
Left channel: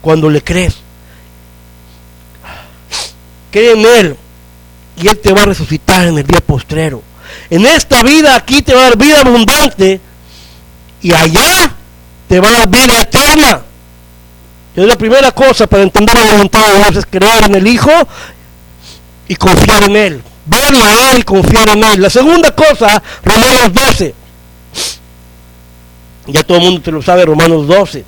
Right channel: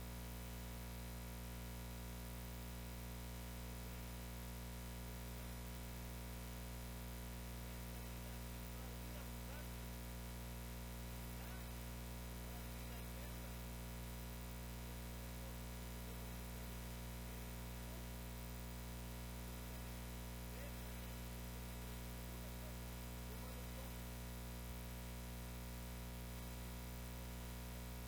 cuando le crees. Cree en Él y Él te va a resucitar en el día postrero. En esta vida aquí te va a dar vida abundante, y allá te va a dar vida eterna. Es la primera cosa para entender la voluntad de Dios, es creer en el Hijo y confiar en Él, verlo a Él y confiar en Él. La segunda cosa, Romanos 12. Ya todo el mundo te lo sabe, Romanos 12.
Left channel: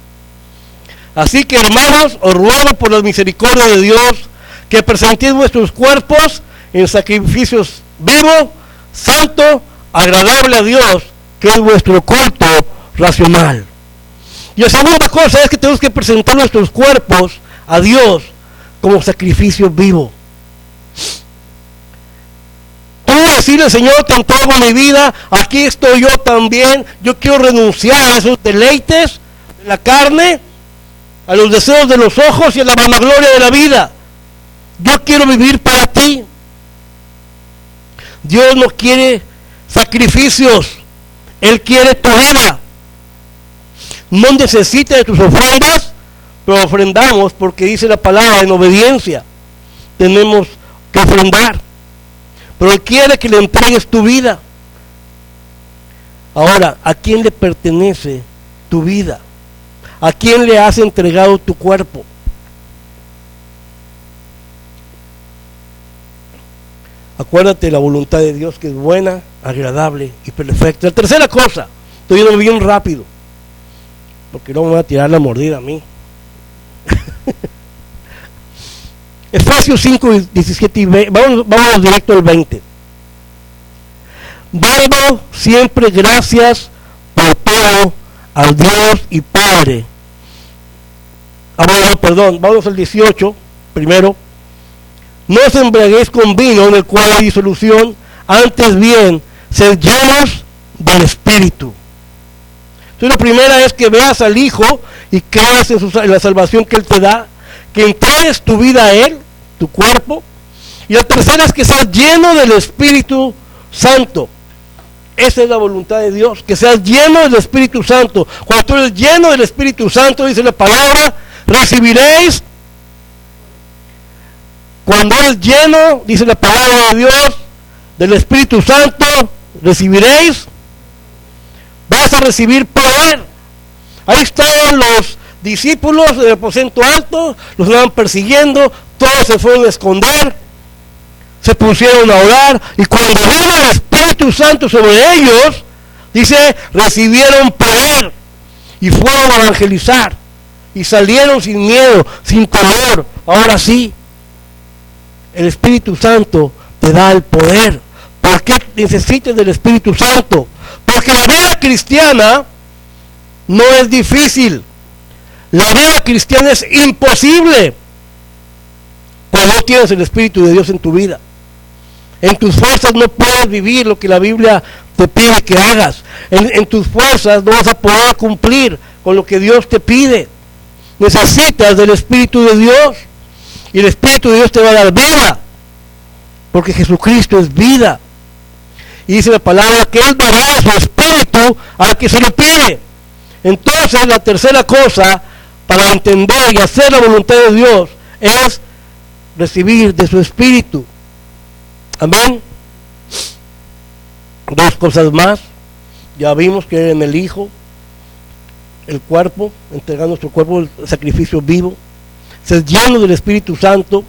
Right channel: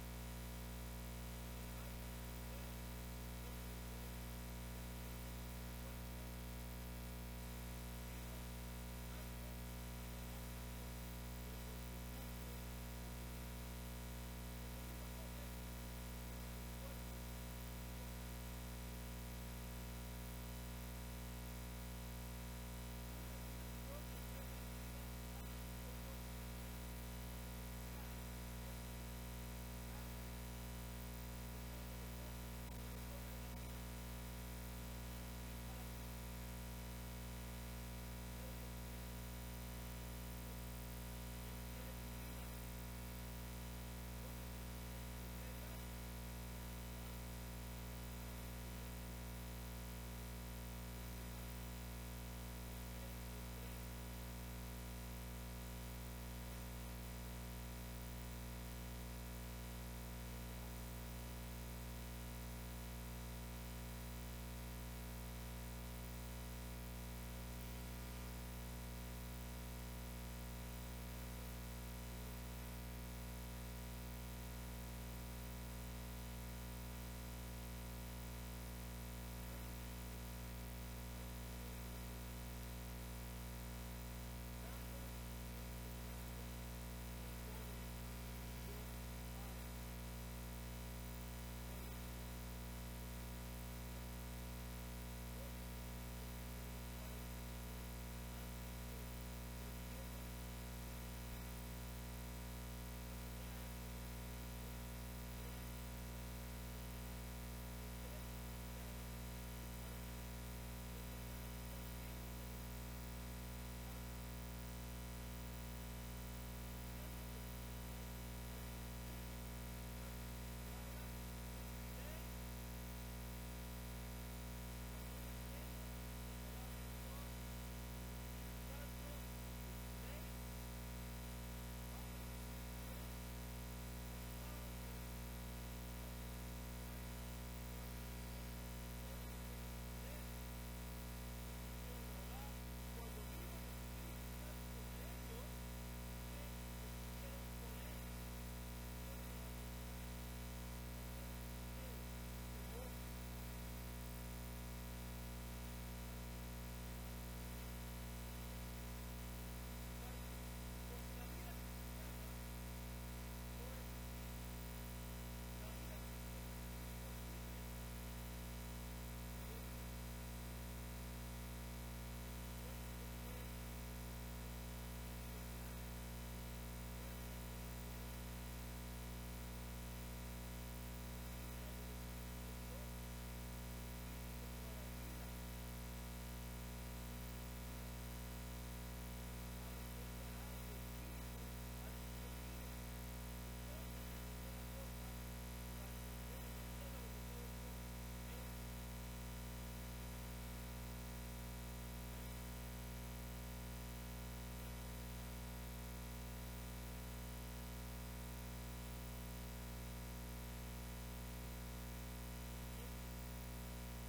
Así que, hermanos, os ruego por la misericordia de Dios, que presentéis vuestros cuerpos en sacrificios vivos, santo, agradable a Dios, que es vuestro culto racional. Y la segunda cosa es que tenemos que presentar nuestros cuerpos a Dios como sacrificio vivo. Tú decirle, Señor, te entrego mi vida, aquí estoy yo también, yo quiero renunciar a esos deleites de la carne, a los deseos de los ojos y a la vanagloria de la vida. Yo quiero vivir para ti. Dios no quiere sacrificios, Él quiere tu vida. No necesita de tus ofrendas, pero ofrendamos porque dice la palabra, en obediencia tenemos que ofrendar. Pero Él quiere que le entregues tu vida. Ahora, ¿a quién le pertenece tu vida? ¿A quién le has entregado tu cuerpo? Acuérdate de la voluntad de Dios, que es buena, agradable y perfecta. La tercera cosa, estoy yendo bien rápido, porque no me voy a tirar la mordida a mí. Efesios 5, 17 y 20, vamos directo al 20. Dando siempre gracias por todo al Dios y Padre. Vamos al 18 primero. No os embriaguéis con vino, en el cual hay disolución, antes bien, sed llenos del Espíritu. Entonces la primera es que veas al Hijo y creas en la salvación que Él te da, que entregues tu vida a Él, tu cuerpo. Y la tercera es que seas lleno del Espíritu Santo. Esa es la voluntad de Dios, que seas lleno del Espíritu Santo. Cuando tú eres lleno del Espíritu Santo, dice la palabra, recibiréis. Cuando eres lleno, dice la palabra de Dios, del Espíritu Santo, recibiréis. Vas a recibir poder. Ahí estaban los discípulos del aposento alto, los estaban persiguiendo, todos se fueron a esconder, se pusieron a orar, y cuando vino el Espíritu Santo sobre ellos, dice, recibieron poder y fueron a evangelizar y salieron sin miedo, sin temor. Ahora sí, el Espíritu Santo te da el poder. ¿Por qué necesitas del Espíritu Santo? Porque la vida cristiana no es difícil. La vida cristiana es imposible cuando no tienes el Espíritu de Dios en tu vida. En tus fuerzas no puedes vivir lo que la Biblia te pide que hagas. En tus fuerzas no vas a poder cumplir con lo que Dios te pide. Necesitas del Espíritu de Dios. Y el Espíritu de Dios te va a dar vida, porque Jesucristo es vida. Y dice la palabra que Él dará su Espíritu al que se lo pide. Entonces la tercera cosa para entender y hacer la voluntad de Dios es recibir de su Espíritu. Amén. Dos cosas más. Ya vimos que en el Hijo, el cuerpo, entregando nuestro cuerpo el sacrificio vivo, ser lleno del Espíritu Santo.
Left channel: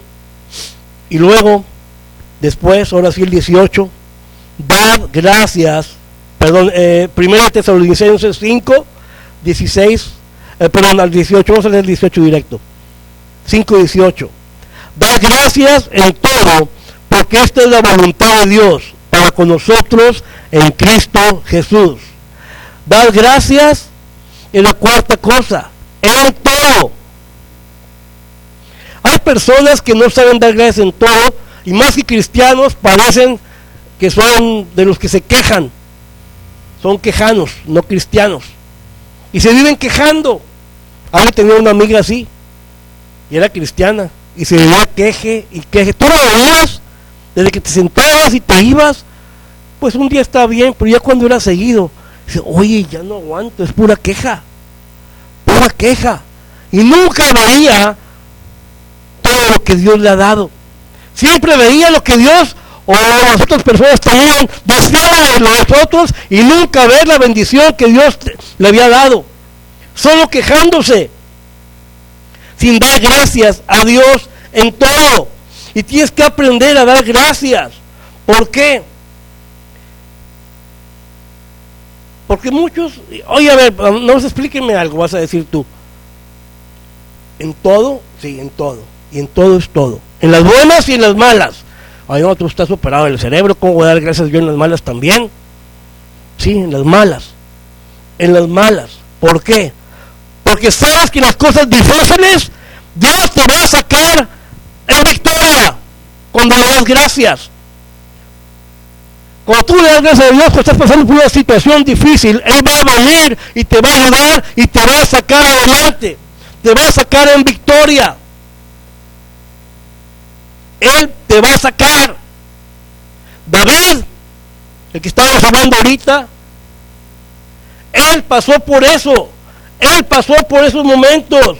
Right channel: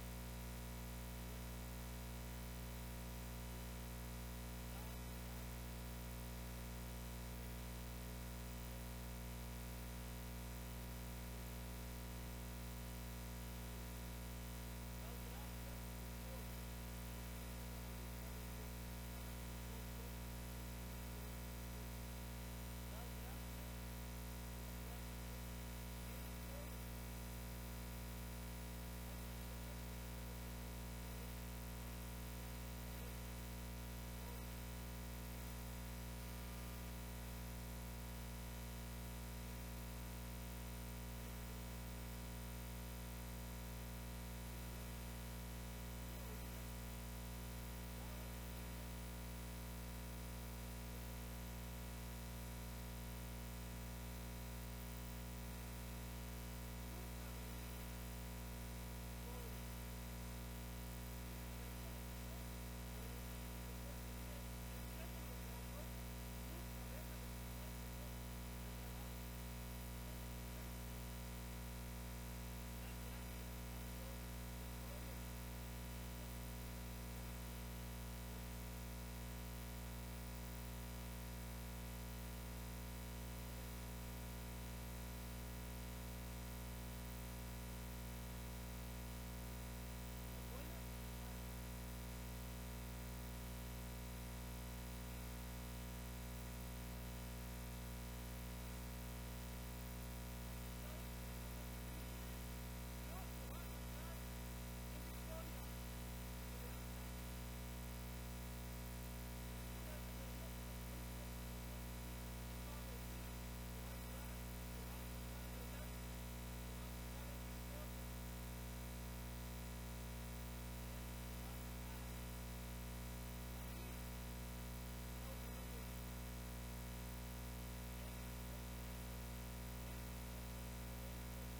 Y luego, después, ahora sí el 18, dad gracias, primera Tesalonicenses 5, 16, al 18, vamos a leer el 18 directo, 5, 18, dad gracias en todo, porque esta es la voluntad de Dios para con nosotros en Cristo Jesús. Dad gracias en la cuarta cosa, en todo. Hay personas que no saben dar gracias en todo, y más que cristianos parecen que son de los que se quejan. Son quejanos, no cristianos. Y se viven quejando. Ahora tenía una amiga así, y era cristiana, y se vivía queje y queje. Tú lo veías, desde que te sentabas y te ibas, pues un día estaba bien, pero ya cuando era seguido, dice, oye, ya no aguanto, es pura queja. Pura queja. Y nunca veía todo lo que Dios le ha dado. Siempre veía lo que Dios o las otras personas tenían, deseaban de nosotros, y nunca ver la bendición que Dios le había dado. Solo quejándose, sin dar gracias a Dios en todo. Y tienes que aprender a dar gracias. ¿Por qué? Porque muchos, oye, a ver, no, explíquenme algo, vas a decir tú. ¿En todo? Sí, en todo. Y en todo es todo. En las buenas y en las malas. Ay, no, tú estás operado en el cerebro, ¿cómo voy a dar gracias yo en las malas también? Sí, en las malas. En las malas. ¿Por qué? Porque sabes que las cosas difíciles Dios te va a sacar en victoria cuando le das gracias. Cuando tú le das gracias a Dios, cuando estás pasando por una situación difícil, Él va a venir y te va a ayudar y te va a sacar adelante. Te va a sacar en victoria. Él te va a sacar. David, el que estábamos hablando ahorita, él pasó por eso. Él pasó por esos momentos.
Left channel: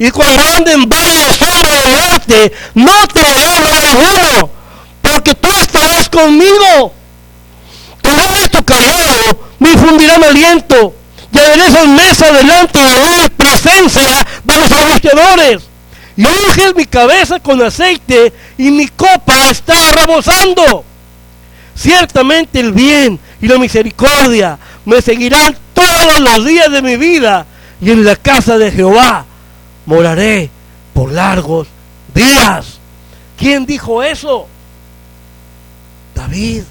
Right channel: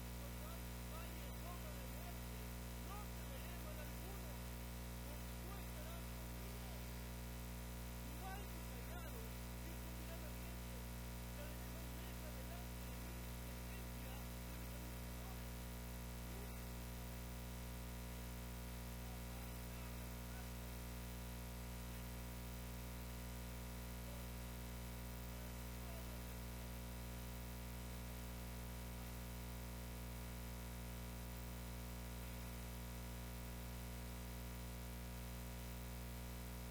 Y cuando ande en valle de sombra de muerte, no te hará ninguno, porque tú estarás conmigo. Tu vara y tu callado me infundirán aliento, y aderezas mesa delante de mí, presencia de los angustiadores. Y unges mi cabeza con aceite, y mi copa está rebosando. Ciertamente el bien y la misericordia me seguirán todos los días de mi vida, y en la casa de Jehová moraré por largos días. ¿Quién dijo eso? David.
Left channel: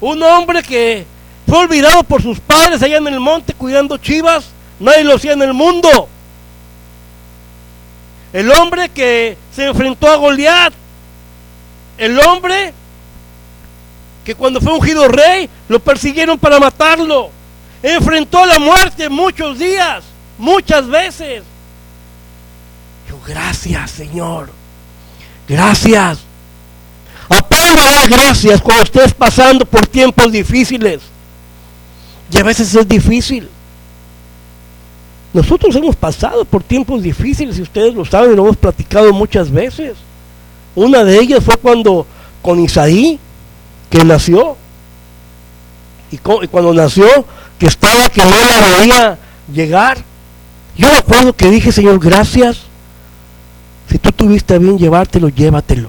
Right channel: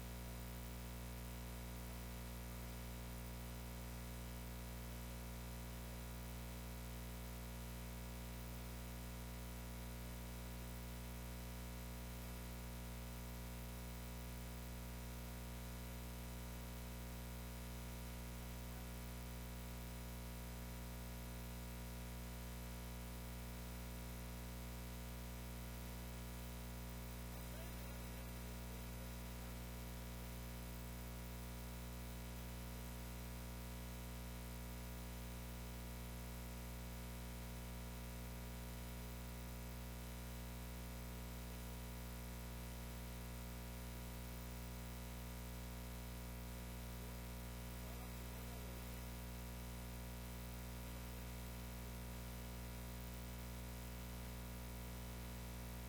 Un hombre que fue olvidado por sus padres allá en el monte cuidando chivas. Nadie lo hacía en el mundo. El hombre que se enfrentó a Goliat. El hombre que cuando fue ungido rey lo persiguieron para matarlo. Enfrentó a la muerte muchos días, muchas veces. Yo, gracias, Señor. Gracias. Aprenda a dar gracias cuando estés pasando por tiempos difíciles. Y a veces es difícil. Nosotros hemos pasado por tiempos difíciles, y ustedes lo saben, lo hemos platicado muchas veces. Una de ellas fue cuando con Isaí, que nació, y cuando nació, que estaba que no la veía llegar. Yo me acuerdo que dije, Señor, gracias. Si tú tuviste a bien llevártelo, llévatelo.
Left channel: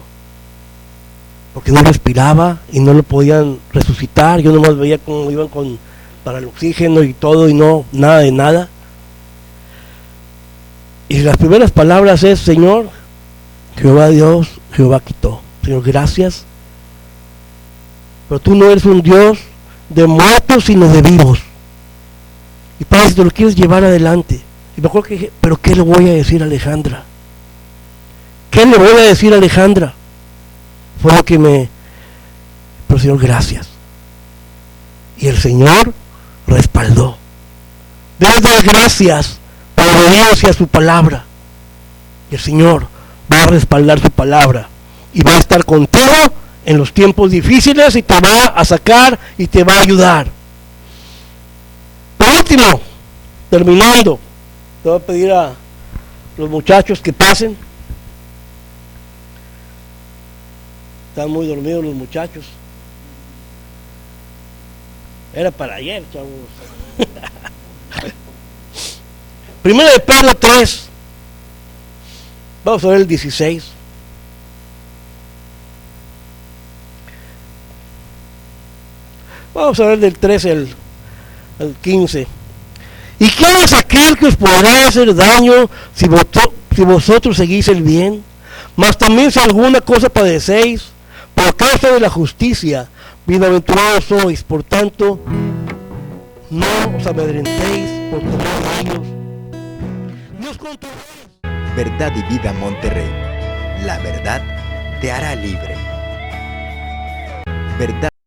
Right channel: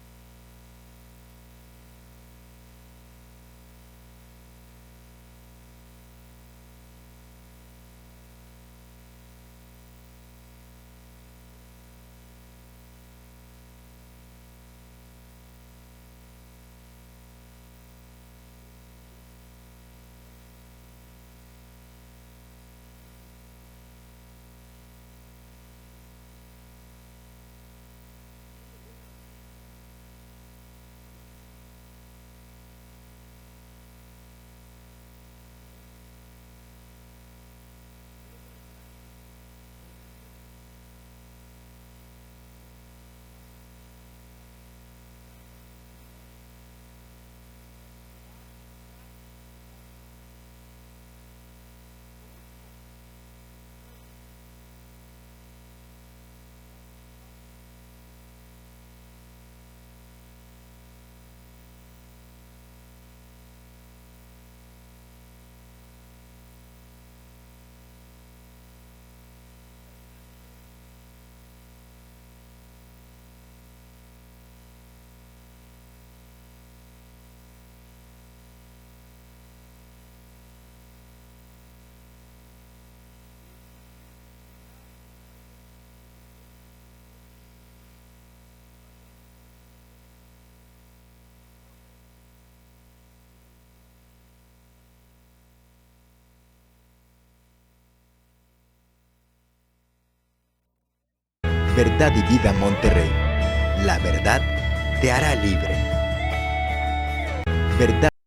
Porque no respiraba y no lo podían resucitar. Yo nomás veía cómo iban para el oxígeno y todo, y no, nada de nada. Y las primeras palabras es, Señor, Jehová Dios, Jehová quitó. Señor, gracias. Pero tú no eres un Dios de muertos, sino de vivos. Y Padre, si te lo quieres llevar adelante. Y me acuerdo que dije, pero ¿qué le voy a decir a Alejandra? ¿Qué le voy a decir a Alejandra? Fue lo que pero Señor, gracias. Y el Señor respaldó. Debes dar gracias por obediencia a su palabra. Y el Señor va a respaldar su palabra. Y va a estar contigo en los tiempos difíciles, y te va a sacar y te va a ayudar. Por último, terminando, te voy a pedir a los muchachos que pasen. Están muy dormidos los muchachos. Era para ayer, chavos. Primero de Pedro 3. Vamos a ver el 16. Vamos a ver del 13 al 15. ¿Y quién es aquel que os podrá hacer daño si vosotros seguís el bien? Mas también si alguna cosa padecéis por causa de la justicia, bienaventurados sois. Por tanto, no os amedrentéis por tomar daños. Dios con tu Verdad y Vida Monterrey. La verdad te hará libre. Verdad.